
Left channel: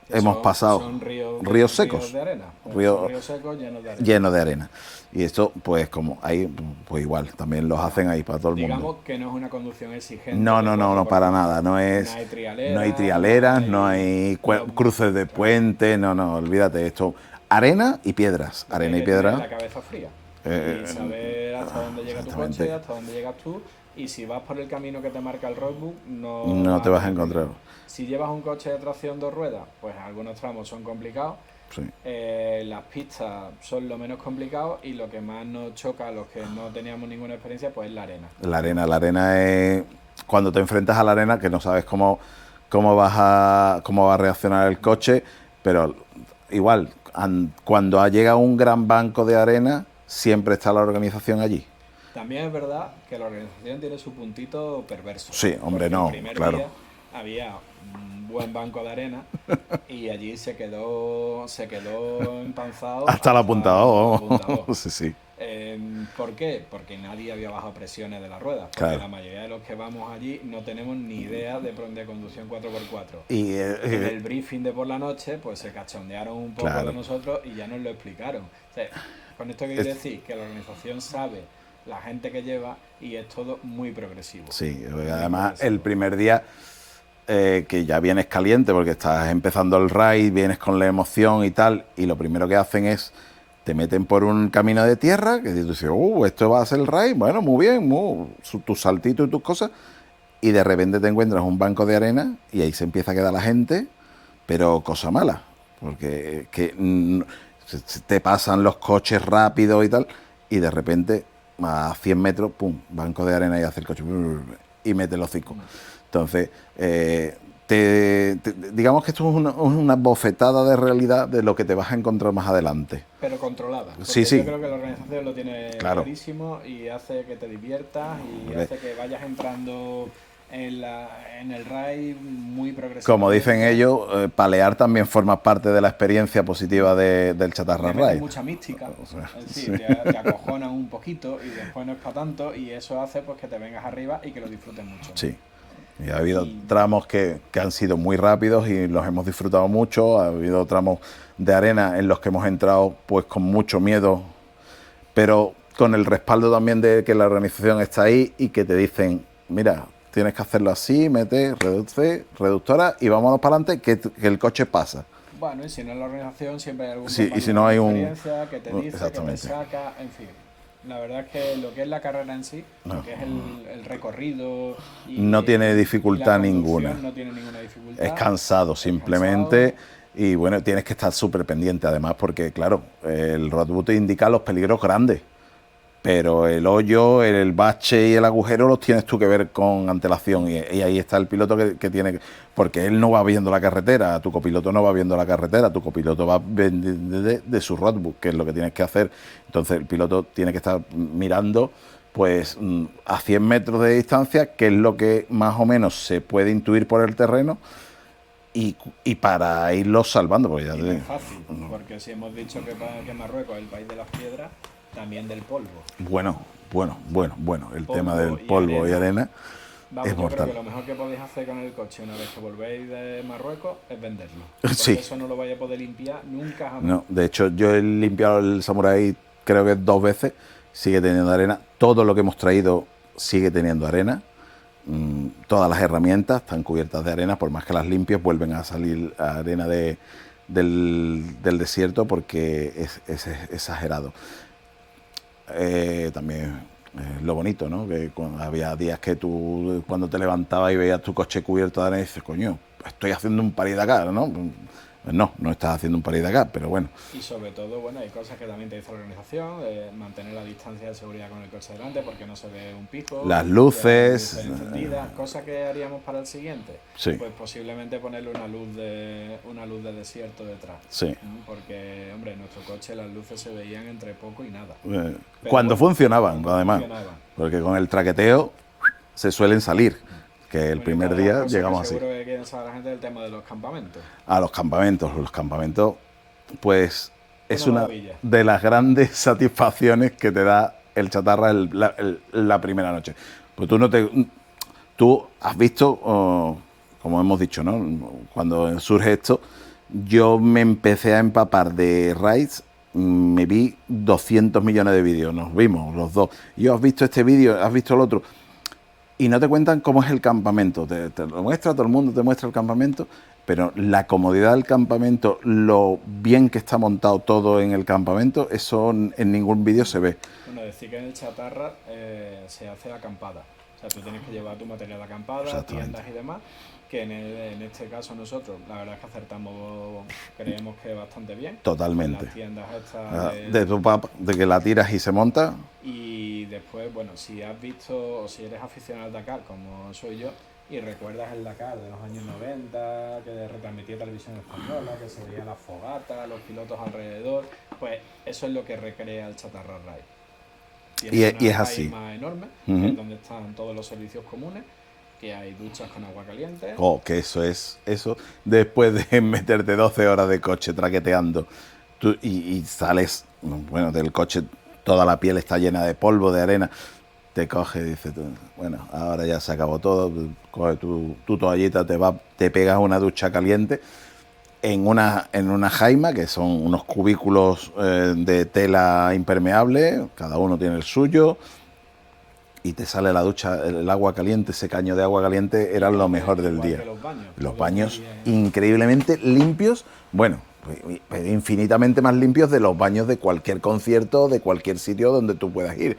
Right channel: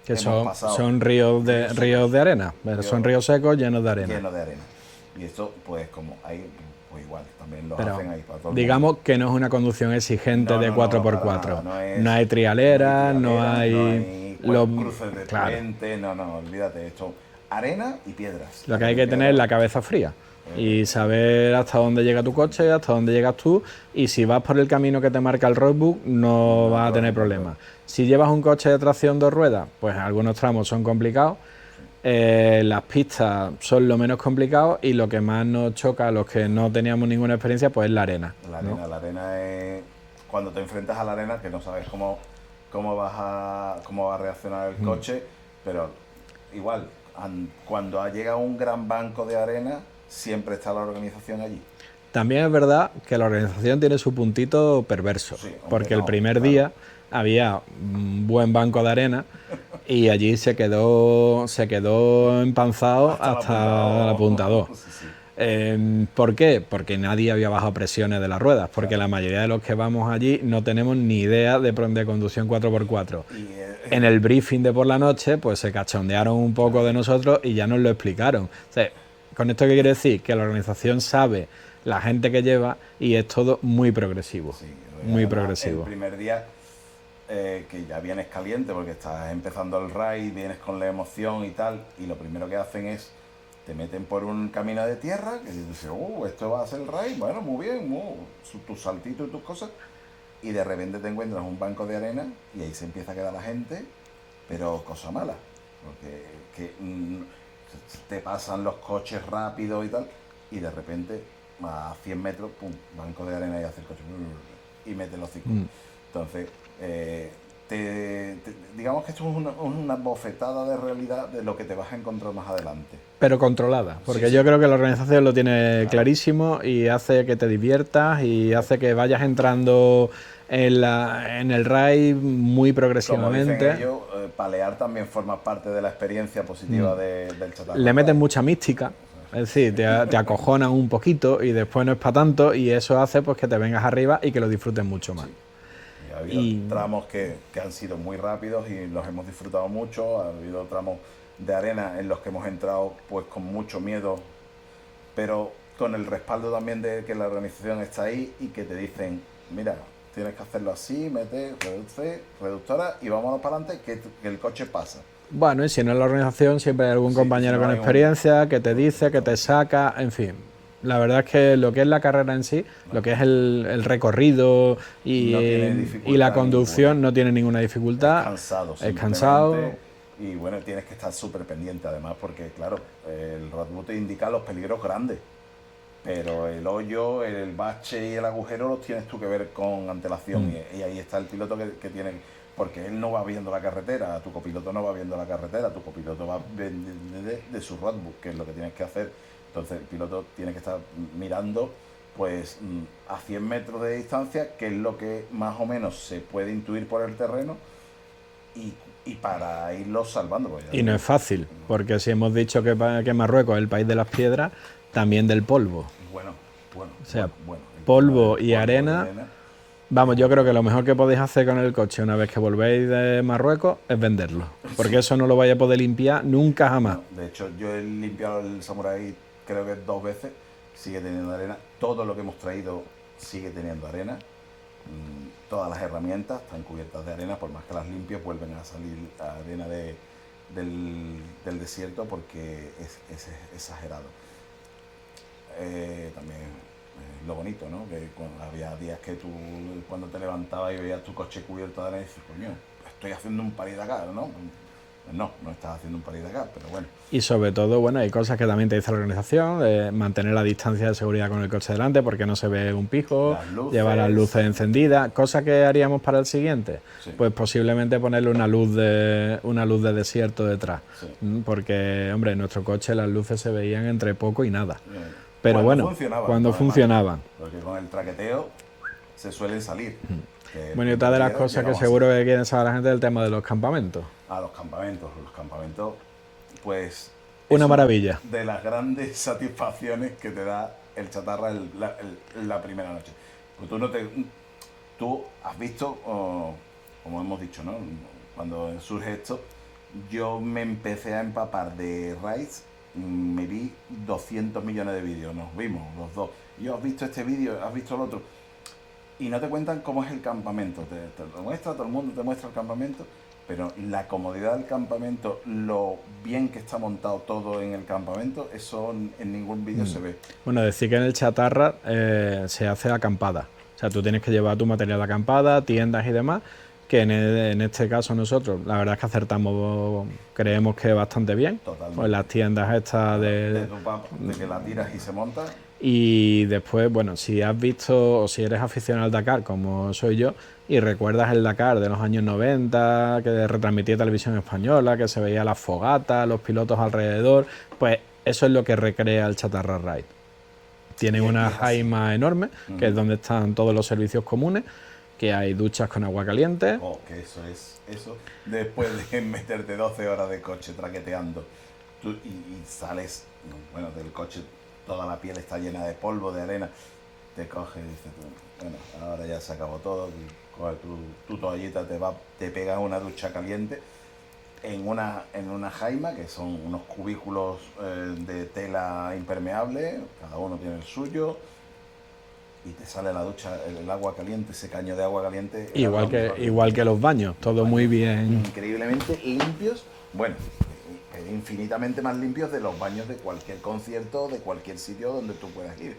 hemos pasado. Son ríos de arena. Son ríos secos llenos de arena. Llenos de arena. Y esto, pues como ahí, pues igual, también los hacen ahí para todo el mundo. Digamos que no es una conducción exigente de 4x4. No, para nada. No hay trialeras, no hay cruces de puente, no, olvídate esto. Arena y piedras. Lo que hay que tener es la cabeza fría. Y saber hasta dónde llega tu coche, hasta dónde llegas tú, y si vas por el camino que te marca el roadbook, no vas a tener problemas. Si llevas un coche de tracción 2 ruedas, pues algunos tramos son complicados. Sí. Las pistas son lo menos complicado, y lo que más nos choca a los que no teníamos ninguna experiencia, pues es la arena. La arena es cuando te enfrentas a la arena, que no sabes cómo va a reaccionar el coche, pero igual, cuando llega un gran banco de arena, siempre está la organización allí. También es verdad que la organización tiene su puntito perverso. Sí, hombre, porque el primer día había un buen banco de arena y allí se quedó empanzado hasta el apuntador. apuntador. Sí. ¿Por qué? Porque nadie había bajado presiones de las ruedas, porque Claro. la mayoría de los que vamos allí no tenemos ni idea de conducción 4x4. Y, En el briefing de por la noche, pues se cachondearon un poco Claro. de nosotros y ya nos lo explicaron. O sea, ¿con esto qué quiere decir? Que la organización sabe la gente que lleva y es todo muy progresivo. Sí, muy además progresivo. el primer día que ya vienes caliente porque estás empezando el raid, vienes con la emoción y tal, y lo primero que hacen es te meten por un camino de tierra, que tú dices, esto va a ser el raid, bueno, muy bien, tus saltitos y tus cosas, y de repente te encuentras un banco de arena y ahí se empieza a quedar la gente, pero cosa mala, porque se te pasan los coches rápidos y tal, y de repente a 100 metros, pum, banco de arena y hace el coche y mete los hocico. Entonces, digamos que esto es una bofetada de realidad de lo que te vas a encontrar más adelante. Pero controlada, porque Sí, sí. yo creo que la organización lo tiene Claro. clarísimo y hace que te diviertas y hace que vayas entrando en el raid muy progresivamente. Como dicen ellos, palear también forma parte de la experiencia positiva del chatarra. Le meten Raid. mucha mística, es decir, te acojonan un poquito y después no es para tanto y eso hace pues que te vengas arriba y que lo disfrutes mucho más. Sí. Y ha habido tramos que han sido muy rápidos y los hemos disfrutado mucho. Ha habido tramos de arena en los que hemos entrado pues con mucho miedo, pero con el respaldo también de que la organización está ahí y que te dicen, mira, tienes que hacerlo así, mete, reduce, reductora y vámonos para adelante que el coche pasa. Bueno, y si no es la organización, siempre hay algún Sí, y si compañero no con hay un- experiencia que te dice, que te Exactamente. saca, en fin. La verdad es que lo que es la carrera en sí, lo que es el recorrido y, No tiene y la dificultad conducción ninguna. no tiene ninguna dificultad. Es cansado Es simplemente. cansado. Y bueno, tienes que estar súper pendiente además porque, claro, el roadbook te indica los peligros grandes. Pero el hoyo, el bache y el agujero los tienes tú que ver con antelación. Y ahí está el piloto que tiene que... Porque él no va viendo la carretera, tu copiloto no va viendo la carretera, tu copiloto va de su roadbook, que es lo que tienes que hacer. Entonces el piloto tiene que estar mirando pues a 100 metros de distancia, que es lo que más o menos se puede intuir por el terreno, y para irlos salvando. Pues ya Y no es fácil, porque si hemos dicho que Marruecos es el país de las piedras, también del polvo. Bueno. El polvo tema del y arena. Vamos, es yo creo que mortal. lo mejor que podéis hacer con el coche una vez que volvéis de Marruecos es venderlo. Porque Sí. eso no lo vais a poder limpiar nunca jamás. No, de hecho, yo he limpiado el Samurai creo que 2 veces, sigue teniendo arena. Todo lo que hemos traído sigue teniendo arena. Todas las herramientas están cubiertas de arena, por más que las limpies, vuelven a salir arena del desierto porque es exagerado. También lo bonito, ¿no? Que había días que tú, cuando te levantabas y veías tu coche cubierto de arena, dices, coño, estoy haciendo un París Dakar, ¿no? No estás haciendo un París Dakar, pero bueno. Y sobre todo, bueno, hay cosas que también te dice la organización, de mantener la distancia de seguridad con el coche delante porque no se ve un pijo, Las luces. llevar las luces encendidas, cosa que haríamos para el siguiente. Sí. Pues posiblemente ponerle una luz de desierto detrás. Sí. Porque, hombre, en nuestro coche las luces se veían entre poco y nada. Pero Cuando bueno, funcionaban. Cuando además, funcionaban. Porque con el traqueteo se suelen salir. Que el Bueno, y primer otra de las día cosas que llegamos así. seguro que quieren saber la gente es el tema de los campamentos. A los campamentos. Los campamentos, pues... Una maravilla. De las grandes satisfacciones que te da el chatarra la primera noche. Pues tú has visto, como hemos dicho, ¿no? Cuando surge esto, yo me empecé a empapar de raids, me vi 200 millones de vídeos, nos vimos los dos. Yo has visto este vídeo, has visto el otro. Y no te cuentan cómo es el campamento. Te lo muestra, todo el mundo te muestra el campamento, pero la comodidad del campamento, lo bien que está montado todo en el campamento, eso en ningún vídeo se ve. Bueno, decir que en el chatarra se hace acampada. O sea, tú tienes que llevar tu material de acampada, tiendas y demás, que en este caso nosotros, la verdad es que acertamos, creemos que bastante bien. Totalmente. En las tiendas estas de que la tiras y se monta. Y después, bueno, si has visto o si eres aficionado al Dakar, como soy yo, y recuerdas el Dakar de los años 90, que retransmitía televisión española, que se veía las fogatas, los pilotos alrededor, pues eso es lo que recrea el Chatarra Ride. Tiene Y una es así. AIMA enorme, que es donde están todos los servicios comunes, que hay duchas con agua caliente. Oh, que eso. Después de meterte 12 horas de coche traqueteando y sales, bueno, del coche toda la piel está llena de polvo, de arena, te coge y dices tú, bueno, ahora ya se acabó todo, coge tu toallita, te pegas una ducha caliente en una jaima, que son unos cubículos de tela impermeable, cada uno tiene el suyo, y te sale la ducha, el agua caliente, ese caño de agua caliente era lo mejor del día. Igual que los baños, Los todo baños muy bien. increíblemente limpios, bueno, infinitamente más limpios de los baños de cualquier concierto, de cualquier sitio donde tú puedas ir.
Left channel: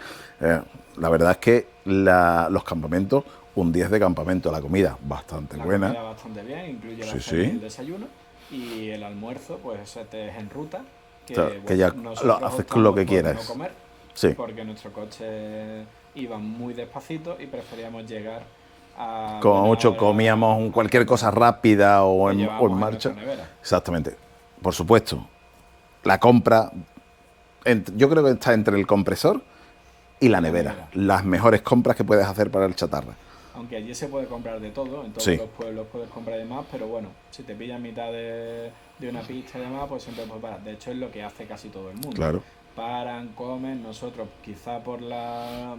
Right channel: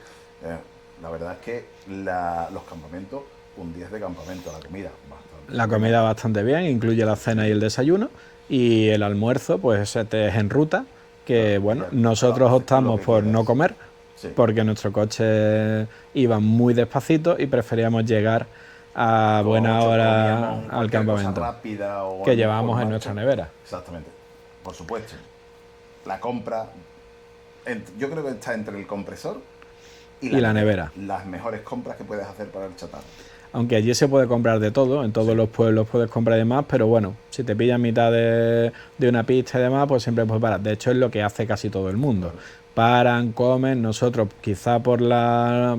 La verdad es que los campamentos, un 10 de campamento, la comida bastante La buena. comida bastante bien, incluye la Sí, cena sí. y el desayuno, y el almuerzo pues te es en ruta, que Claro, que bueno, ya nosotros haces con lo optamos que por quieras. no comer, Sí. porque nuestro coche iba muy despacito y preferíamos llegar a Como buena mucho hora comíamos al cualquier cosa campamento, rápida o que en llevábamos en marcha. nuestra nevera. Exactamente. Por supuesto, la compra, yo creo que está entre el compresor y la nevera. Las mejores compras que puedes hacer para el chatarra. Aunque allí se puede comprar de todo, en todos Sí. los pueblos puedes comprar y demás, pero bueno, si te pillas mitad de una pista y demás, pues siempre puedes parar. De hecho, es lo que hace casi todo el mundo. Claro. Paran, comen, nosotros quizá por la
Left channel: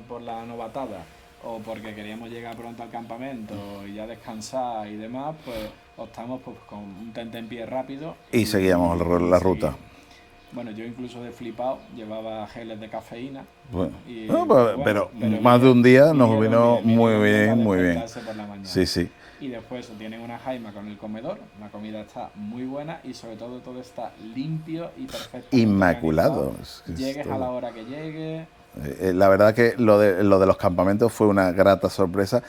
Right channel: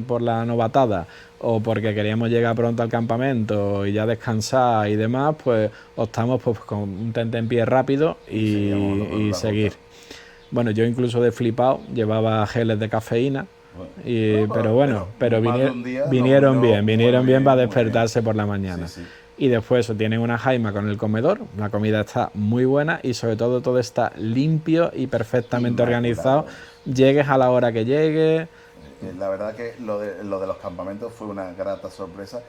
novatada o porque queríamos llegar pronto al campamento y ya descansar y demás, pues optamos pues, con un tentempié rápido Y seguíamos la seguir. ruta. Bueno, yo incluso de flipado llevaba geles de cafeína. Bueno, Pero bueno, pero más de un día nos vinieron vino vinieron muy bien para muy bien. despertarse por la mañana. Sí, sí. Y después eso, tienen una jaima con el comedor, la comida está muy buena y sobre todo está limpio y perfectamente Inmaculado. organizado. Llegues a la hora que llegues. La verdad que lo de los campamentos fue una grata sorpresa.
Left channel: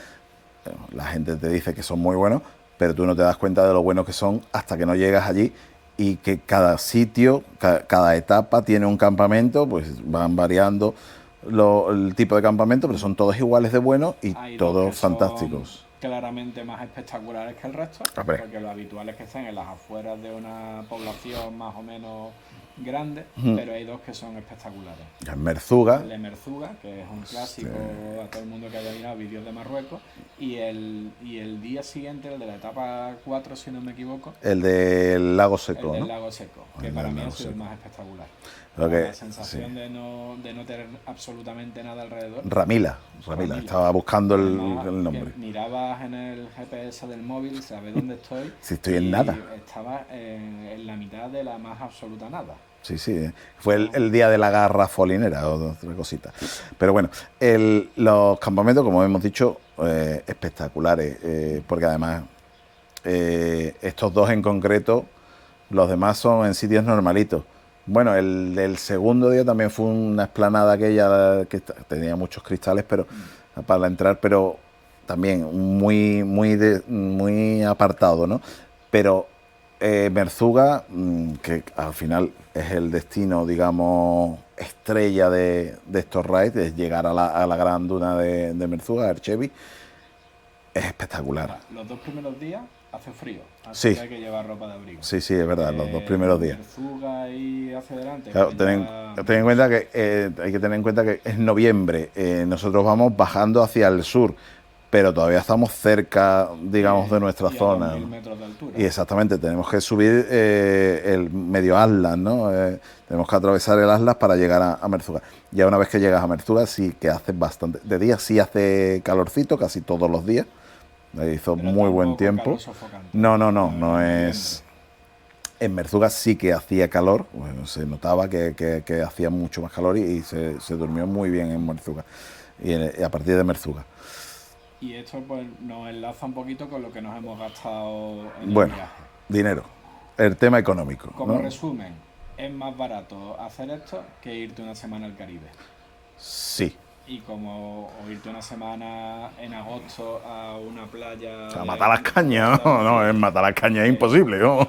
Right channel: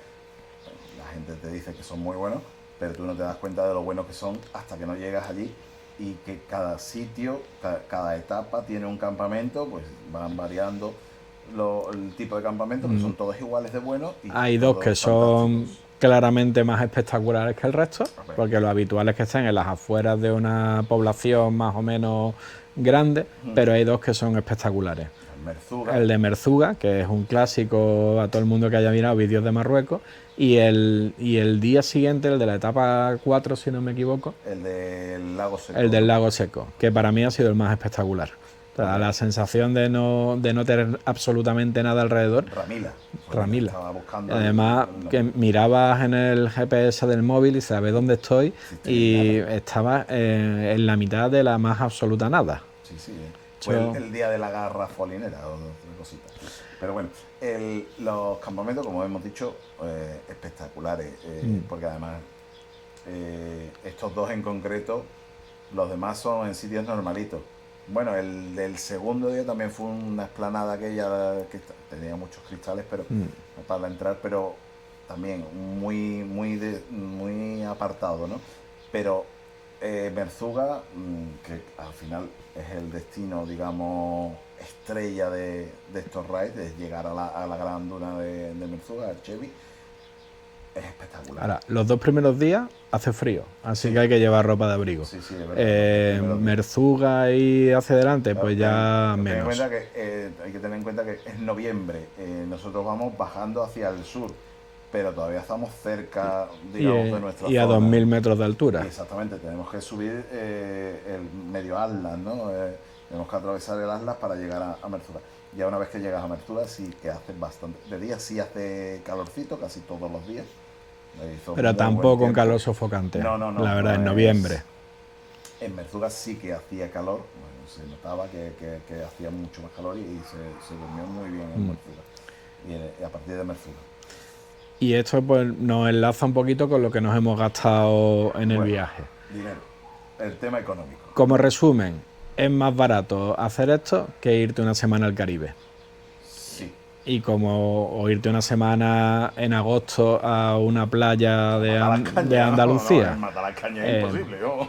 La gente te dice que son muy buenos, pero tú no te das cuenta de lo buenos que son hasta que no llegas allí, y que cada sitio, cada etapa tiene un campamento, pues van variando el tipo de campamento, pero son todos iguales de buenos y Hay todos dos que fantásticos. son claramente más espectaculares que el resto, Hombre. porque lo habitual es que estén en las afueras de una población más o menos grande, pero hay dos que son espectaculares. En Merzuga, El de Merzuga, que es un clásico a todo el mundo que haya mirado vídeos de Marruecos, y el día siguiente, el de la etapa 4, si no me equivoco, el del Lago Seco. el del ¿no? Lago Seco, que para mí ha sido el más espectacular. Porque- La sensación de no tener absolutamente nada alrededor. Ramila. Ramila. Estaba buscando Además, el que nombre. mirabas en el GPS del móvil y sabes dónde estoy, Si estoy en y nada. estabas en la mitad de la más absoluta nada. Sí, sí. Fue Yo- el día de la garra folinera o otra cosita. Pero bueno, los campamentos, como hemos dicho, espectaculares. Porque además, estos dos en concreto, los demás son en sitios normalitos. Bueno, el del segundo día también fue una explanada aquella que tenía muchos cristales, pero para entrar, pero también muy apartado, ¿no? Pero Merzuga, que al final es el destino, digamos, estrella de estos raids, es llegar a la gran duna de Merzuga, Erchevi, es espectacular. Ahora, los 2 primeros días hace frío, así Sí. que hay que llevar ropa de abrigo. Sí, sí, es verdad, los dos primeros días. Merzuga y hacia adelante, Claro, pues ya ten en menos. cuenta que hay que tener en cuenta que es noviembre, nosotros vamos bajando hacia el sur, pero todavía estamos cerca, digamos, de nuestra y zona. a 2000 metros de altura. Y exactamente, tenemos que subir el medio Atlas, ¿no? Tenemos que atravesar el Atlas para llegar a Merzuga. Ya una vez que llegas a Merzuga sí que hace bastante. De día sí hace calorcito, casi todos los días. Hizo Pero muy buen tampoco tiempo. calor sofocante. No, La verdad, no en es- noviembre. En Merzuga sí que hacía calor, bueno, se notaba que hacía mucho más calor y se durmió muy bien en Merzuga. Y a partir de Merzuga. Y esto pues nos enlaza un poquito con lo que nos hemos gastado en el Bueno, viaje. dinero. El tema económico. Como ¿no? resumen, es más barato hacer esto que irte una semana al Caribe. Sí. O irte una semana en agosto a una playa de, Matar las de cañas, ¿no? Andalucía. No, en matar las cañas es imposible, ¿no?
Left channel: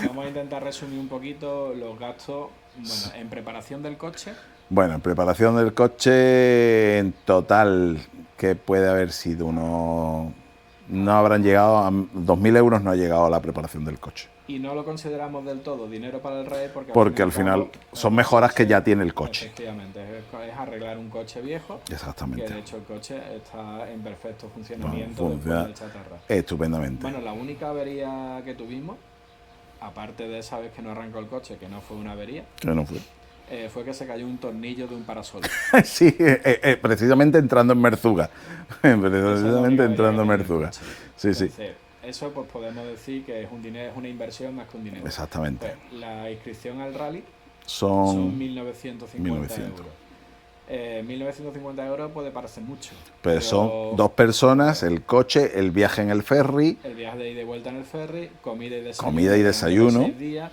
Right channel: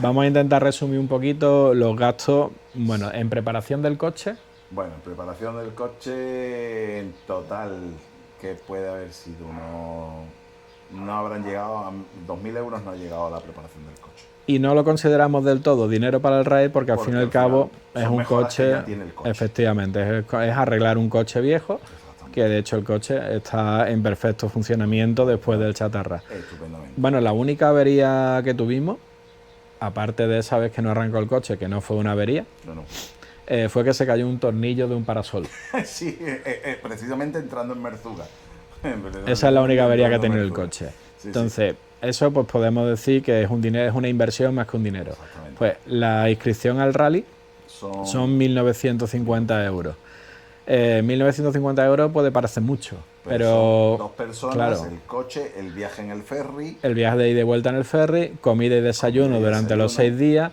Vamos a intentar resumir un poquito los gastos, bueno, en preparación del coche. Bueno, en preparación del coche, en total, que puede haber sido no habrán llegado a 2.000 euros, no ha llegado a la preparación del coche. Y no lo consideramos del todo dinero para el RAID porque al fin y al cabo es son un mejoras que coche- ya tiene el coche. Efectivamente, es arreglar un coche viejo, Exactamente. que de hecho el coche está en perfecto funcionamiento Bueno, después funciona del chatarra. Estupendamente. Bueno, la única avería que tuvimos, aparte de esa vez que no arrancó el coche, que no fue una avería, Yo no fui. fue que se cayó un tornillo de un parasol. Sí, precisamente entrando en Merzuga. Esa es la única avería que ha tenido el Merzuga. coche. Sí, Entonces, eso pues podemos decir que es un dinero, es una inversión más que un dinero. Exactamente. Pues la inscripción al rally son 1.950 euros. 1.950 euros puede parecer mucho, pero son 2 personas, claro, el coche, el viaje en el ferry. el viaje de ida y vuelta en el ferry, comida y desayuno durante los 6 días,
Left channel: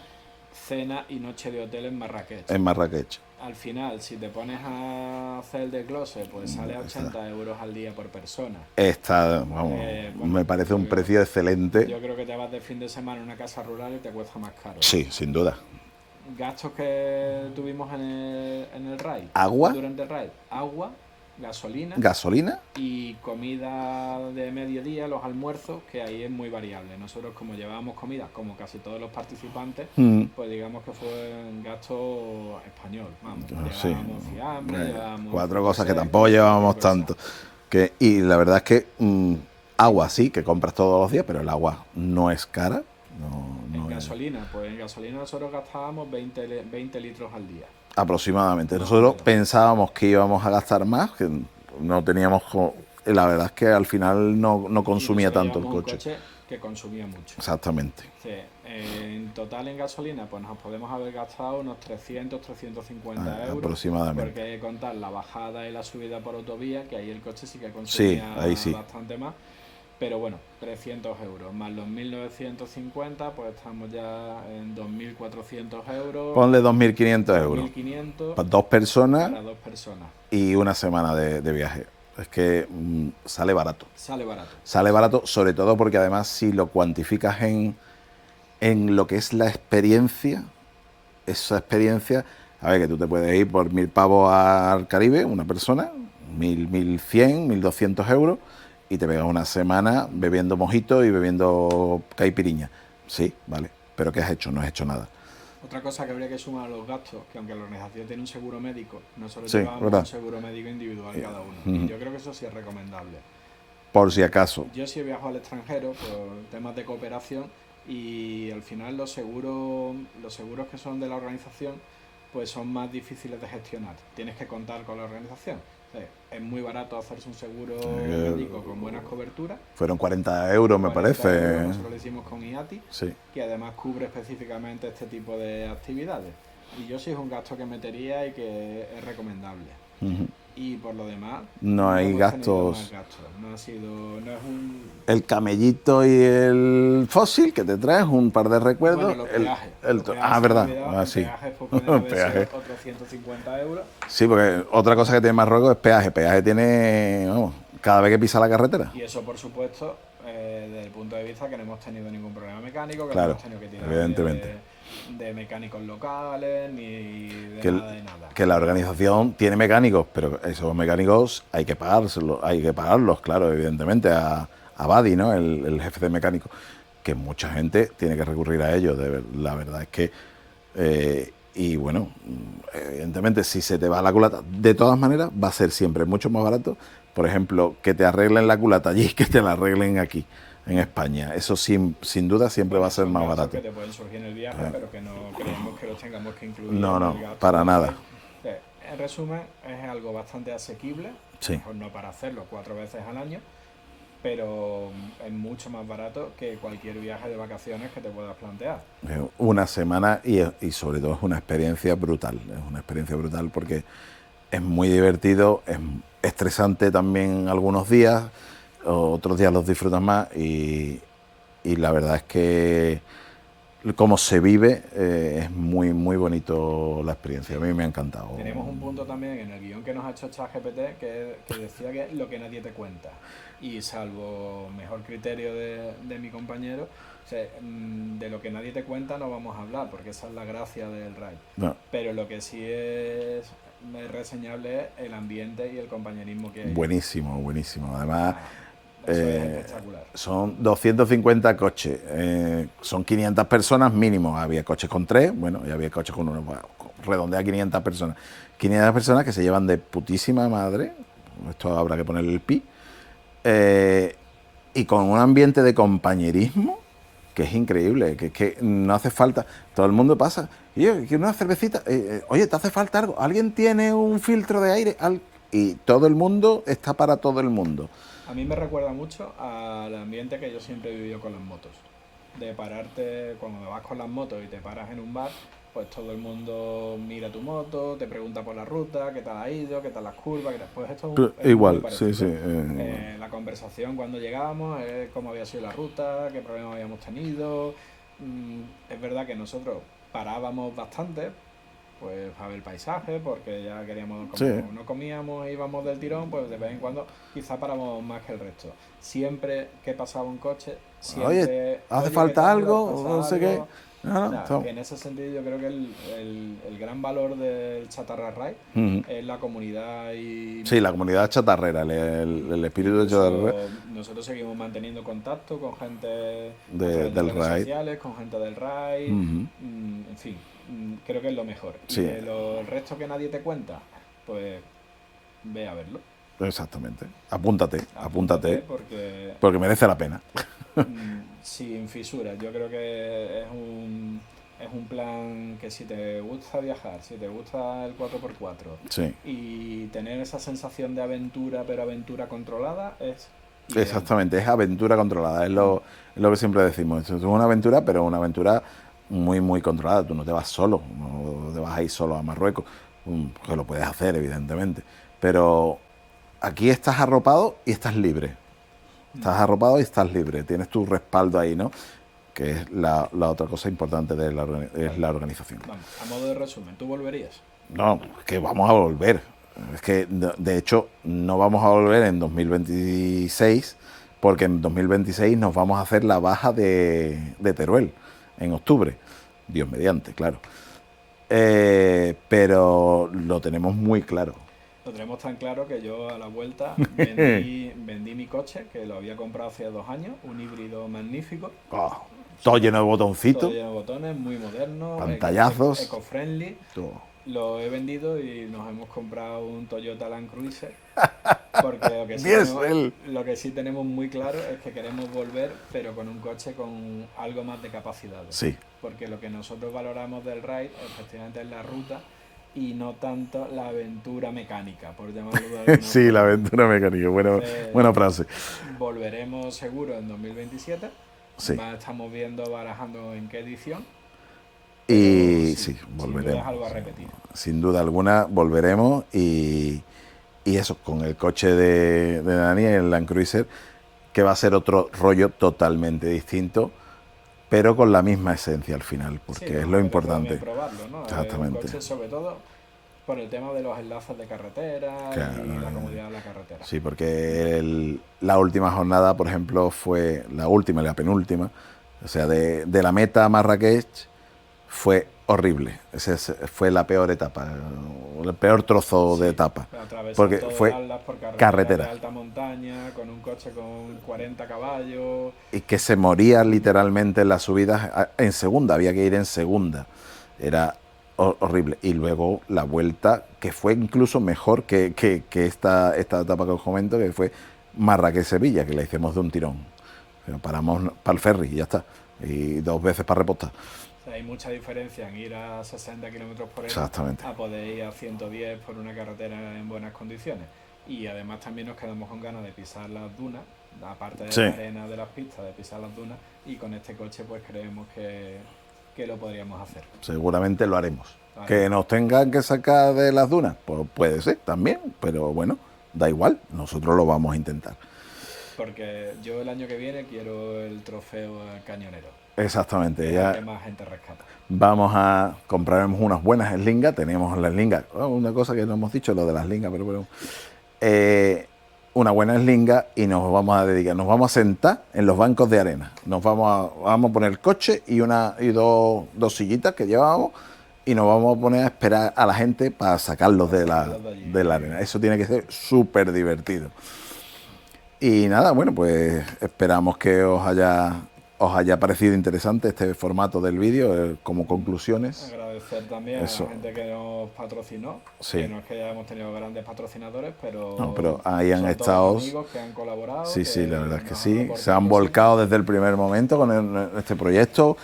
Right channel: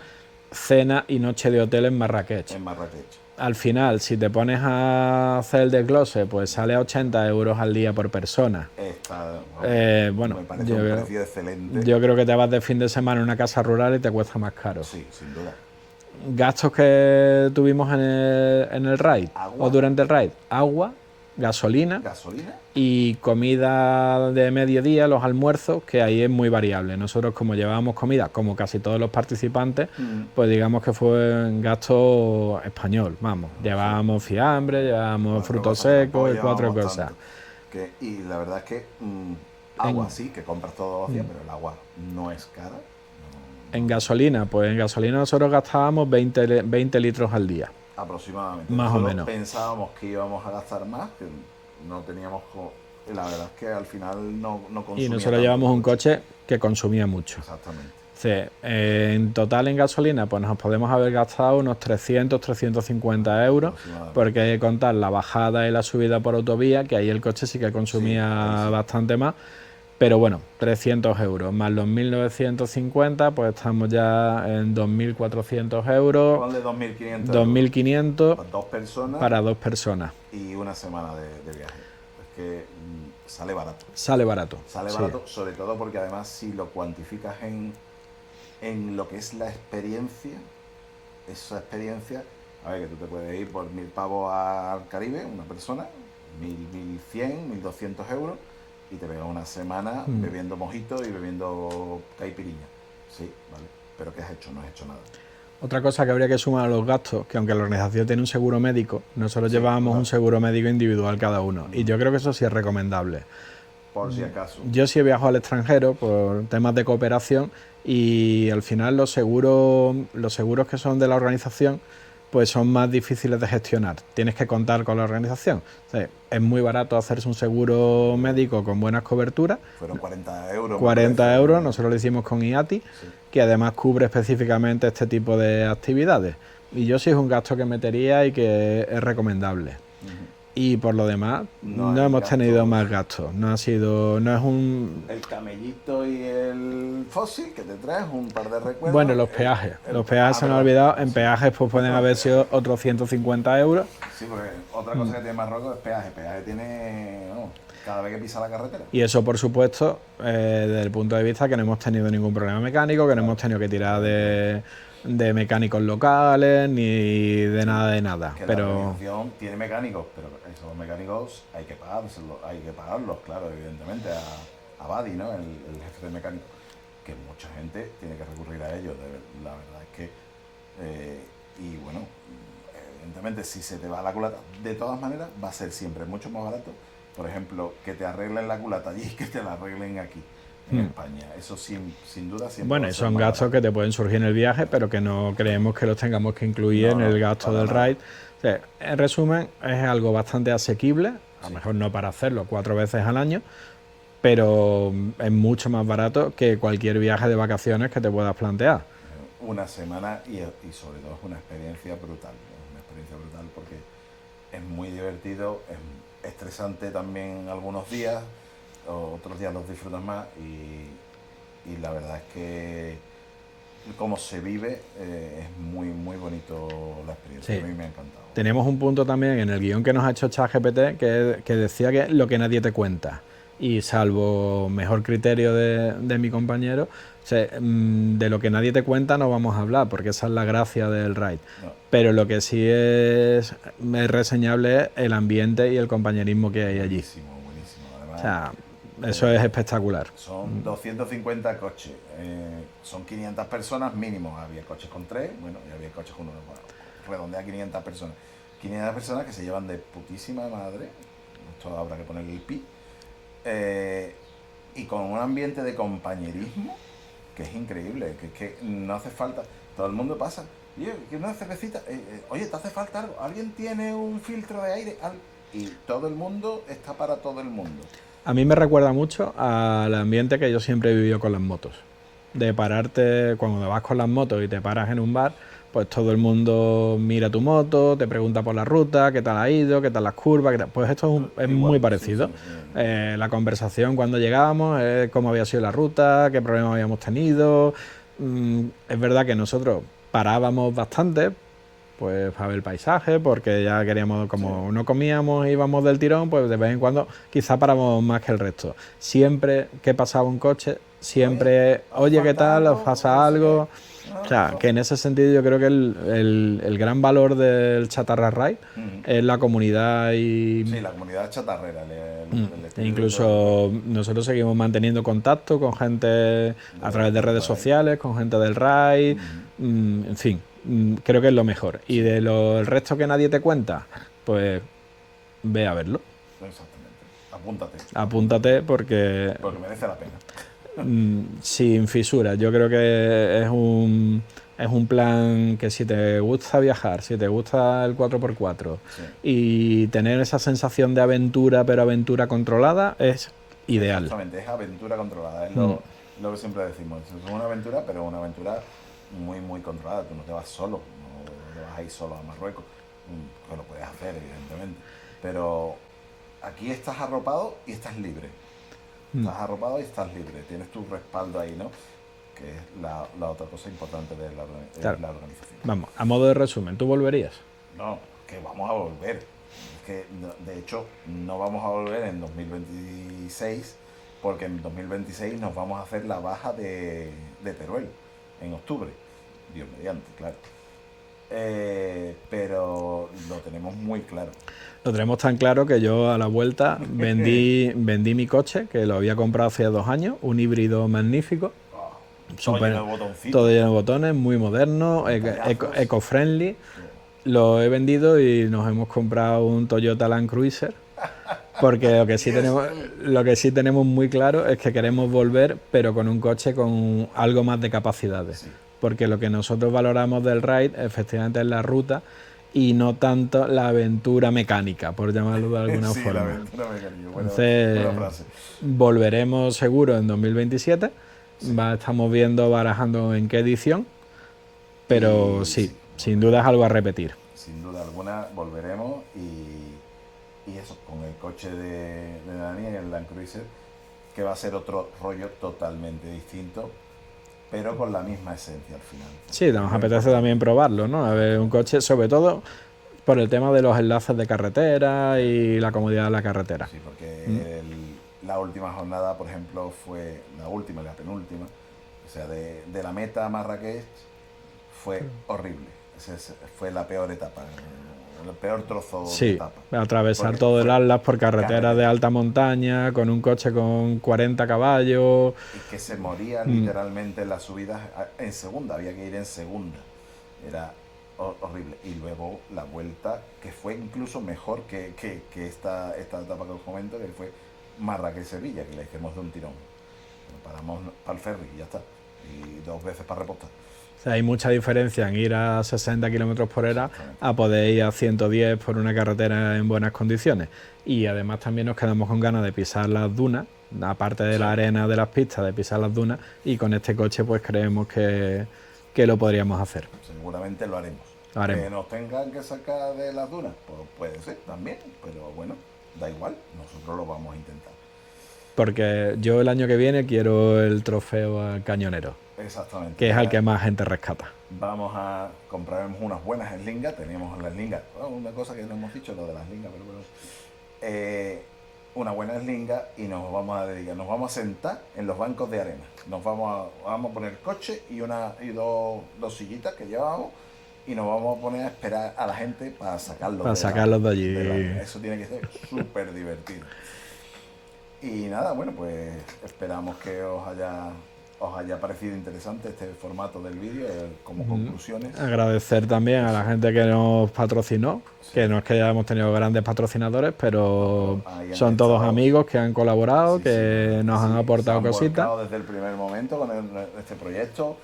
cena y noche de hotel en Marrakech. En Marrakech. Al final, si te pones a hacer el desglose, pues sale a 80 euros al día por persona. Bueno, me parece un precio excelente. Yo creo que te vas de fin de semana a una casa rural y te cuesta más caro. Sí, sin duda. Gastos que tuvimos en el raid. Agua. O durante el raid. Agua, gasolina. Y comida de mediodía, los almuerzos, que ahí es muy variable. Nosotros, como llevábamos comida, como casi todos los participantes, pues digamos que fue un gasto español. Vamos, llevábamos fiambre, llevábamos frutos secos, que tampoco llevábamos tanto. Y la verdad es que agua sí, que compras todos los días, pero el agua no es cara. En gasolina, pues en gasolina nosotros gastábamos 20 litros al día. Aproximadamente. Nosotros pensábamos que íbamos a gastar más, que no teníamos... La verdad es que al final no consumía tanto. Llevamos un coche que consumía mucho. Exactamente. Sí, en total en gasolina pues nos podemos haber gastado unos 300, 350 euros, porque hay que contar la bajada y la subida por autovía, que ahí el coche sí que consumía bastante más. Pero bueno, 300 euros más los 1.950, pues estamos ya en 2.400 euros. Ponle 2.500 euros. 2.500 para 2 personas. Para 2 personas. Y una semana de viaje. Es que sale barato. Sale barato. Sale barato, sobre todo porque además si lo cuantificas en lo que es la experiencia, esa experiencia, a ver, que tú te puedes ir por 1.000 pavos al Caribe, una persona, 1.100, 1.200 euros, y te pegas una semana bebiendo mojito y bebiendo caipiriña. Sí, vale. ¿Pero qué has hecho? No has hecho nada. Otra cosa que habría que sumar a los gastos, que aunque la organización tiene un seguro médico, nosotros llevábamos un seguro médico individual cada uno. Y yo creo que eso sí es recomendable. Por si acaso. Yo sí he viajado al extranjero por temas de cooperación y al final los seguros que son de la organización pues son más difíciles de gestionar. Tienes que contar con la organización. O sea, es muy barato hacerse un seguro médico con buenas coberturas. Fueron 40 euros, 40 euros, nosotros lo hicimos con IATI, que además cubre específicamente este tipo de actividades. Y yo sí es un gasto que metería y que es recomendable. Y por lo demás, no hemos tenido más gastos. No es el camellito y el fósil que te traes, un par de recuerdos. Bueno, los peajes. Los peajes se me han olvidado. En peajes pues pueden haber sido otros 150 euros. Sí, porque otra cosa que tiene Marruecos es peaje. Peaje tiene, vamos, cada vez que pisa la carretera. Y eso, por supuesto, desde el punto de vista que no hemos tenido ningún problema mecánico, que no hemos tenido que tirar de mecánicos locales ni de nada. Que la organización tiene mecánicos, pero esos mecánicos hay que pagarlos, claro, evidentemente, a Badi, ¿no? El jefe de mecánicos, que mucha gente tiene que recurrir a ellos. La verdad es que, y bueno, evidentemente, si se te va la culata, de todas maneras, va a ser siempre mucho más barato, por ejemplo, que te arreglen la culata allí que te la arreglen aquí. En España. Eso sin duda siempre va a ser más barato. Son gastos que te pueden surgir en el viaje, pero que no creemos que los tengamos que incluir en el gasto del ride. O sea, en resumen, es algo bastante asequible, a lo mejor no para hacerlo 4 veces al año, pero es mucho más barato que cualquier viaje de vacaciones que te puedas plantear. Una semana y sobre todo es una experiencia brutal. Es una experiencia brutal porque es muy divertido, es estresante también algunos días, otros días los disfrutas más y la verdad es que como se vive es muy bonito la experiencia. A mí me ha encantado. Tenemos un punto también en el guión que nos ha hecho ChatGPT que decía que lo que nadie te cuenta, y salvo mejor criterio de mi compañero, o sea, de lo que nadie te cuenta no vamos a hablar, porque esa es la gracia del ride. Pero lo que sí es reseñable es el ambiente y el compañerismo que hay. Buenísimo. Además, eso es espectacular. Son 250 coches, son 500 personas mínimo. Había coches con 3, bueno, y había coches con 1. Bueno, redondea 500 personas. 500 personas que se llevan de putísima madre. Esto habrá que ponerle el pi. Y con un ambiente de compañerismo que es increíble, que no hace falta. Todo el mundo pasa. Y yo, quiero una cervecita. Oye, ¿te hace falta algo? ¿Alguien tiene un filtro de aire? Y todo el mundo está para todo el mundo. A mí me recuerda mucho al ambiente que yo siempre he vivido con las motos. De pararte, cuando vas con las motos y te paras en un bar, pues todo el mundo mira tu moto, te pregunta por la ruta, qué tal ha ido, qué tal las curvas, pues esto es Igual, muy parecido. sí, sí. La conversación cuando llegábamos, cómo había sido la ruta, qué problemas habíamos tenido. Es verdad que nosotros parábamos bastante, pues para ver el paisaje, porque ya queríamos, como Sí. no comíamos e íbamos del tirón, pues de vez en cuando quizá paramos más que el resto. Siempre que pasaba un coche, siempre, ¿hace oye, ¿qué falta tal? ¿Os algo? pasa No sé algo? qué. O sea, que en ese sentido yo creo que el gran valor del Chatarra Ride es la comunidad y Sí, la comunidad chatarrera, el espíritu chatarrera. incluso nosotros seguimos manteniendo contacto con gente a través de del redes ride. sociales, con gente del RAI, en fin, creo que es lo mejor. Y Sí. de el resto que nadie te cuenta, pues ve a verlo. Exactamente. Apúntate. Apúntate porque Porque merece la pena. sin fisuras. Yo creo que es un plan que si te gusta viajar, si te gusta el 4x4 Sí. y tener esa sensación de aventura, pero aventura controlada, es ideal. Exactamente, es aventura controlada, es lo que siempre decimos. Es una aventura, pero una aventura muy, muy controlada. Tú no te vas solo, no te vas a ir solo a Marruecos, que lo puedes hacer, evidentemente. Pero aquí estás arropado y estás libre. Estás arropado y estás libre. Tienes tu respaldo ahí, ¿no? Que es la otra cosa importante de la organización. Vamos, a modo de resumen, ¿tú volverías? No, que vamos a volver. Es que, de hecho, no vamos a volver en 2026, porque en 2026 nos vamos a hacer la baja de Teruel, en octubre. Dios mediante, claro. Pero lo tenemos muy claro. Lo tenemos tan claro que yo a la vuelta vendí mi coche, que lo había comprado hace 2 años, un híbrido magnífico. Todo lleno de botoncitos. Todo lleno de botones, muy moderno, Pantallazos. eco-friendly. Lo he vendido y nos hemos comprado un Toyota Land Cruiser. Porque lo que sí tenemos muy claro es que queremos volver, pero con un coche con algo más de capacidades. Sí. Porque lo que nosotros valoramos del ride, efectivamente, es la ruta y no tanto la aventura mecánica, por llamarlo de alguna Sí, forma. la aventura mecánica. Buena frase. Volveremos seguro en 2027. Sí. Estamos viendo, barajando en qué edición. Pero Y sí, sin volveremos. duda es algo a repetir. Sin duda alguna volveremos y eso, con el coche de Dani, el Land Cruiser, que va a ser otro rollo totalmente distinto, pero con la misma esencia al final. Sí, nos apetece también probarlo, ¿no? A ver, un coche, sobre todo por el tema de los enlaces de carretera y la comodidad de la carretera. Sí, porque la última jornada, por ejemplo, fue la última y la penúltima, o sea, de la meta a Marrakech, fue horrible. Esa fue la peor etapa, el peor trozo de etapa. Atravesar todo el Atlas por carretera de alta montaña, con un coche con 40 caballos. Y que se moría literalmente en las subidas en segunda, había que ir en segunda. Era horrible. Y luego la vuelta, que fue incluso mejor que esta etapa que os comento, que fue Marrakech-Sevilla, que la hicimos de un tirón. Pero paramos para el ferry y ya está. Y 2 veces para repostar. O sea, hay mucha diferencia en ir a 60 kilómetros por hora a poder ir a 110 por una carretera en buenas condiciones. Y además también nos quedamos con ganas de pisar las dunas, aparte de la arena de las pistas, de pisar las dunas. Y con este coche pues creemos que lo podríamos hacer. Seguramente lo haremos. Que nos tengan que sacar de las dunas, pues puede ser también, pero bueno, da igual, nosotros lo vamos a intentar. Porque yo el año que viene quiero el trofeo al cañonero. Exactamente. Que es el que más gente rescata. Vamos a comprarnos unas buenas eslingas. Tenemos las eslingas. Una cosa que no hemos dicho, lo de las eslingas, pero bueno. Una buena eslinga y nos vamos a dedicar. Nos vamos a sentar en los bancos de arena. Vamos a poner el coche y dos sillitas que llevábamos y nos vamos a poner a esperar a la gente para sacarlos de la arena. Eso tiene que ser súper divertido. Y nada, bueno, pues esperamos que os haya parecido interesante este formato del vídeo como conclusiones. Agradecer también a la gente que nos patrocinó, que no es que hayamos tenido grandes patrocinadores, pero son todos amigos que han colaborado, que nos han aportado se han volcado desde el primer momento con este proyecto,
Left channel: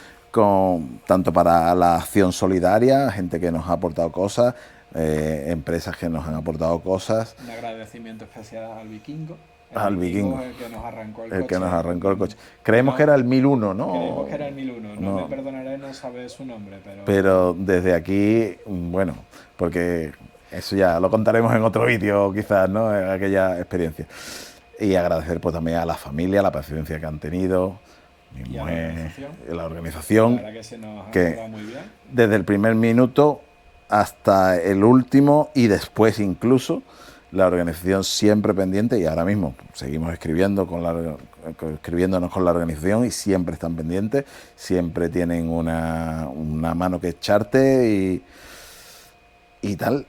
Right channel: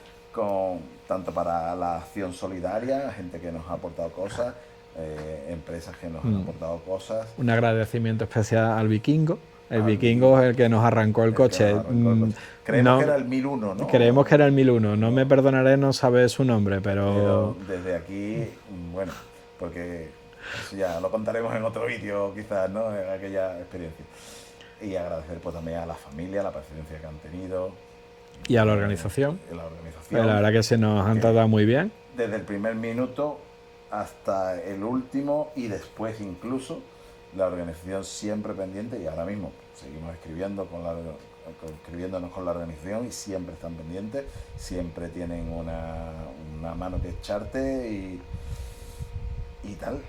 tanto para la acción solidaria, gente que nos ha aportado cosas, empresas que nos han aportado cosas. Un agradecimiento especial al Vikingo. El Al Vikingo Vikingo. es el que nos arrancó el El coche. que nos arrancó el coche. Creemos No, que era el 1001, ¿no? creemos que era el 1001. No No. me perdonaré no saber su nombre, Pero desde aquí, bueno, porque eso ya lo contaremos en otro vídeo quizás, ¿no? En aquella experiencia. Y agradecer pues también a la familia, la paciencia que han tenido. Y a la organización. Y a la organización. La verdad que se nos han que tratado muy bien. Desde el primer minuto hasta el último y después incluso, la organización siempre pendiente, y ahora mismo seguimos escribiéndonos con la organización y siempre están pendientes, siempre tienen una mano que echarte y tal.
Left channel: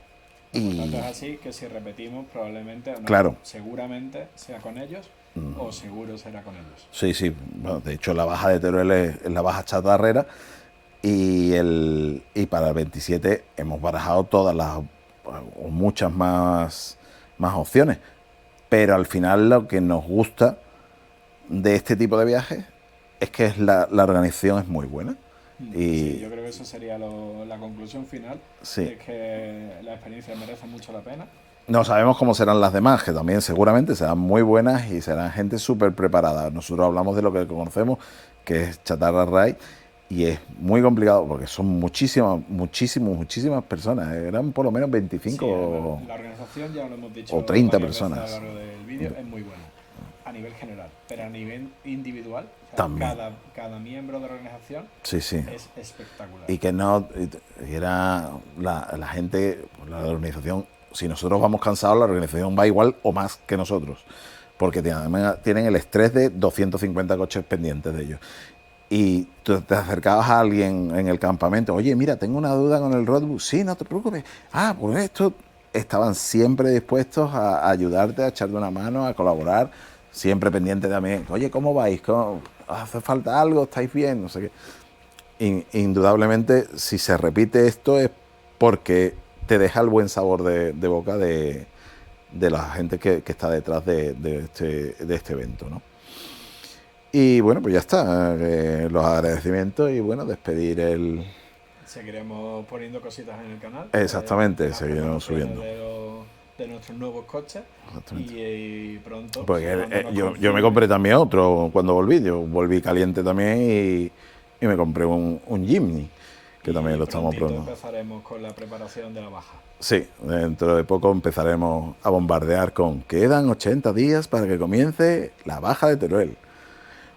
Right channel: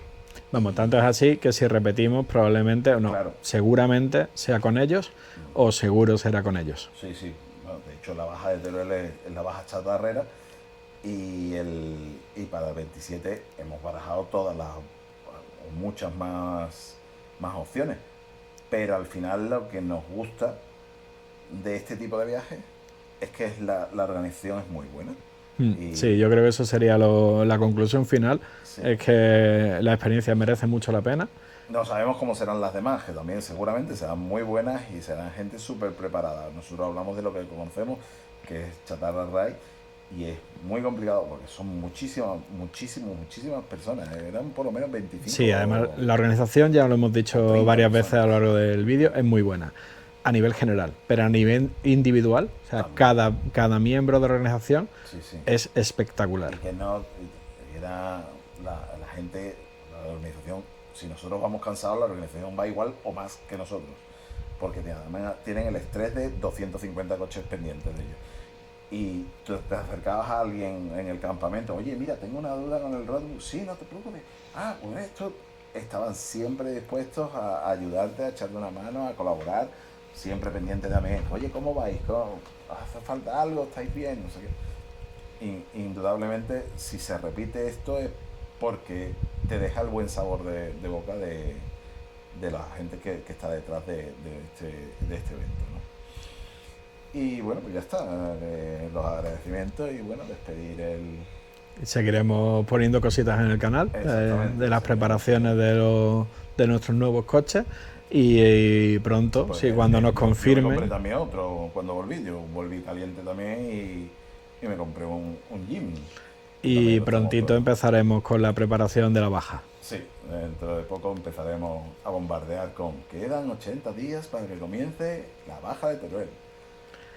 Vamos, tanto es así que si repetimos probablemente, o no, Claro. seguramente sea con ellos o seguro será con ellos. Sí, sí. Bueno, de hecho, la baja de Teruel es la baja chatarrera y para el 27 hemos barajado todas las o muchas más opciones. Pero al final lo que nos gusta de este tipo de viajes es que la organización es muy buena. Y Sí, yo creo que eso sería la conclusión final. Sí. Es que la experiencia merece mucho la pena. no sabemos cómo serán las demás, que también seguramente serán muy buenas y serán gente súper preparada. Nosotros hablamos de lo que conocemos, que es Chatarra Ride, y es muy complicado porque son muchísimas personas. Eran por lo menos 25. Sí, además la organización, ya lo hemos dicho o 30 varias veces a personas. lo largo del vídeo, es muy buena a nivel general, pero a nivel individual, o sea, También. cada miembro de la organización Sí, sí. es espectacular. Y que no y era la gente, la organización, si nosotros vamos cansados, la organización va igual o más que nosotros, porque tienen el estrés de 250 coches pendientes de ellos. Y tú te acercabas a alguien en el campamento, oye, mira, tengo una duda con el roadbook. Sí, no te preocupes. Pues esto. Estaban siempre dispuestos a ayudarte, a echarte una mano, a colaborar, siempre pendientes también. Oye, ¿cómo vais? ¿Hace falta algo? ¿Estáis bien? No sé qué. Indudablemente, si se repite esto es porque te deja el buen sabor de boca de la gente que está detrás de este evento, ¿no? Y bueno, pues ya está, los agradecimientos y bueno, despedir Seguiremos poniendo cositas en el canal. Exactamente, De las preparaciones de nuestros nuevos coches. Y pronto, pues, sí, cuando nos yo me confirmen. compré también otro cuando volví. Yo volví caliente también y me compré un Jimny. Que también Y lo estamos prontito probando. empezaremos con la preparación de la baja. Sí, dentro de poco empezaremos a bombardear con quedan 80 días para que comience la baja de Teruel.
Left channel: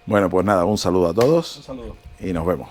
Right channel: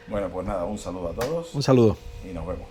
Bueno, pues nada, un saludo a todos Un saludo. y nos vemos.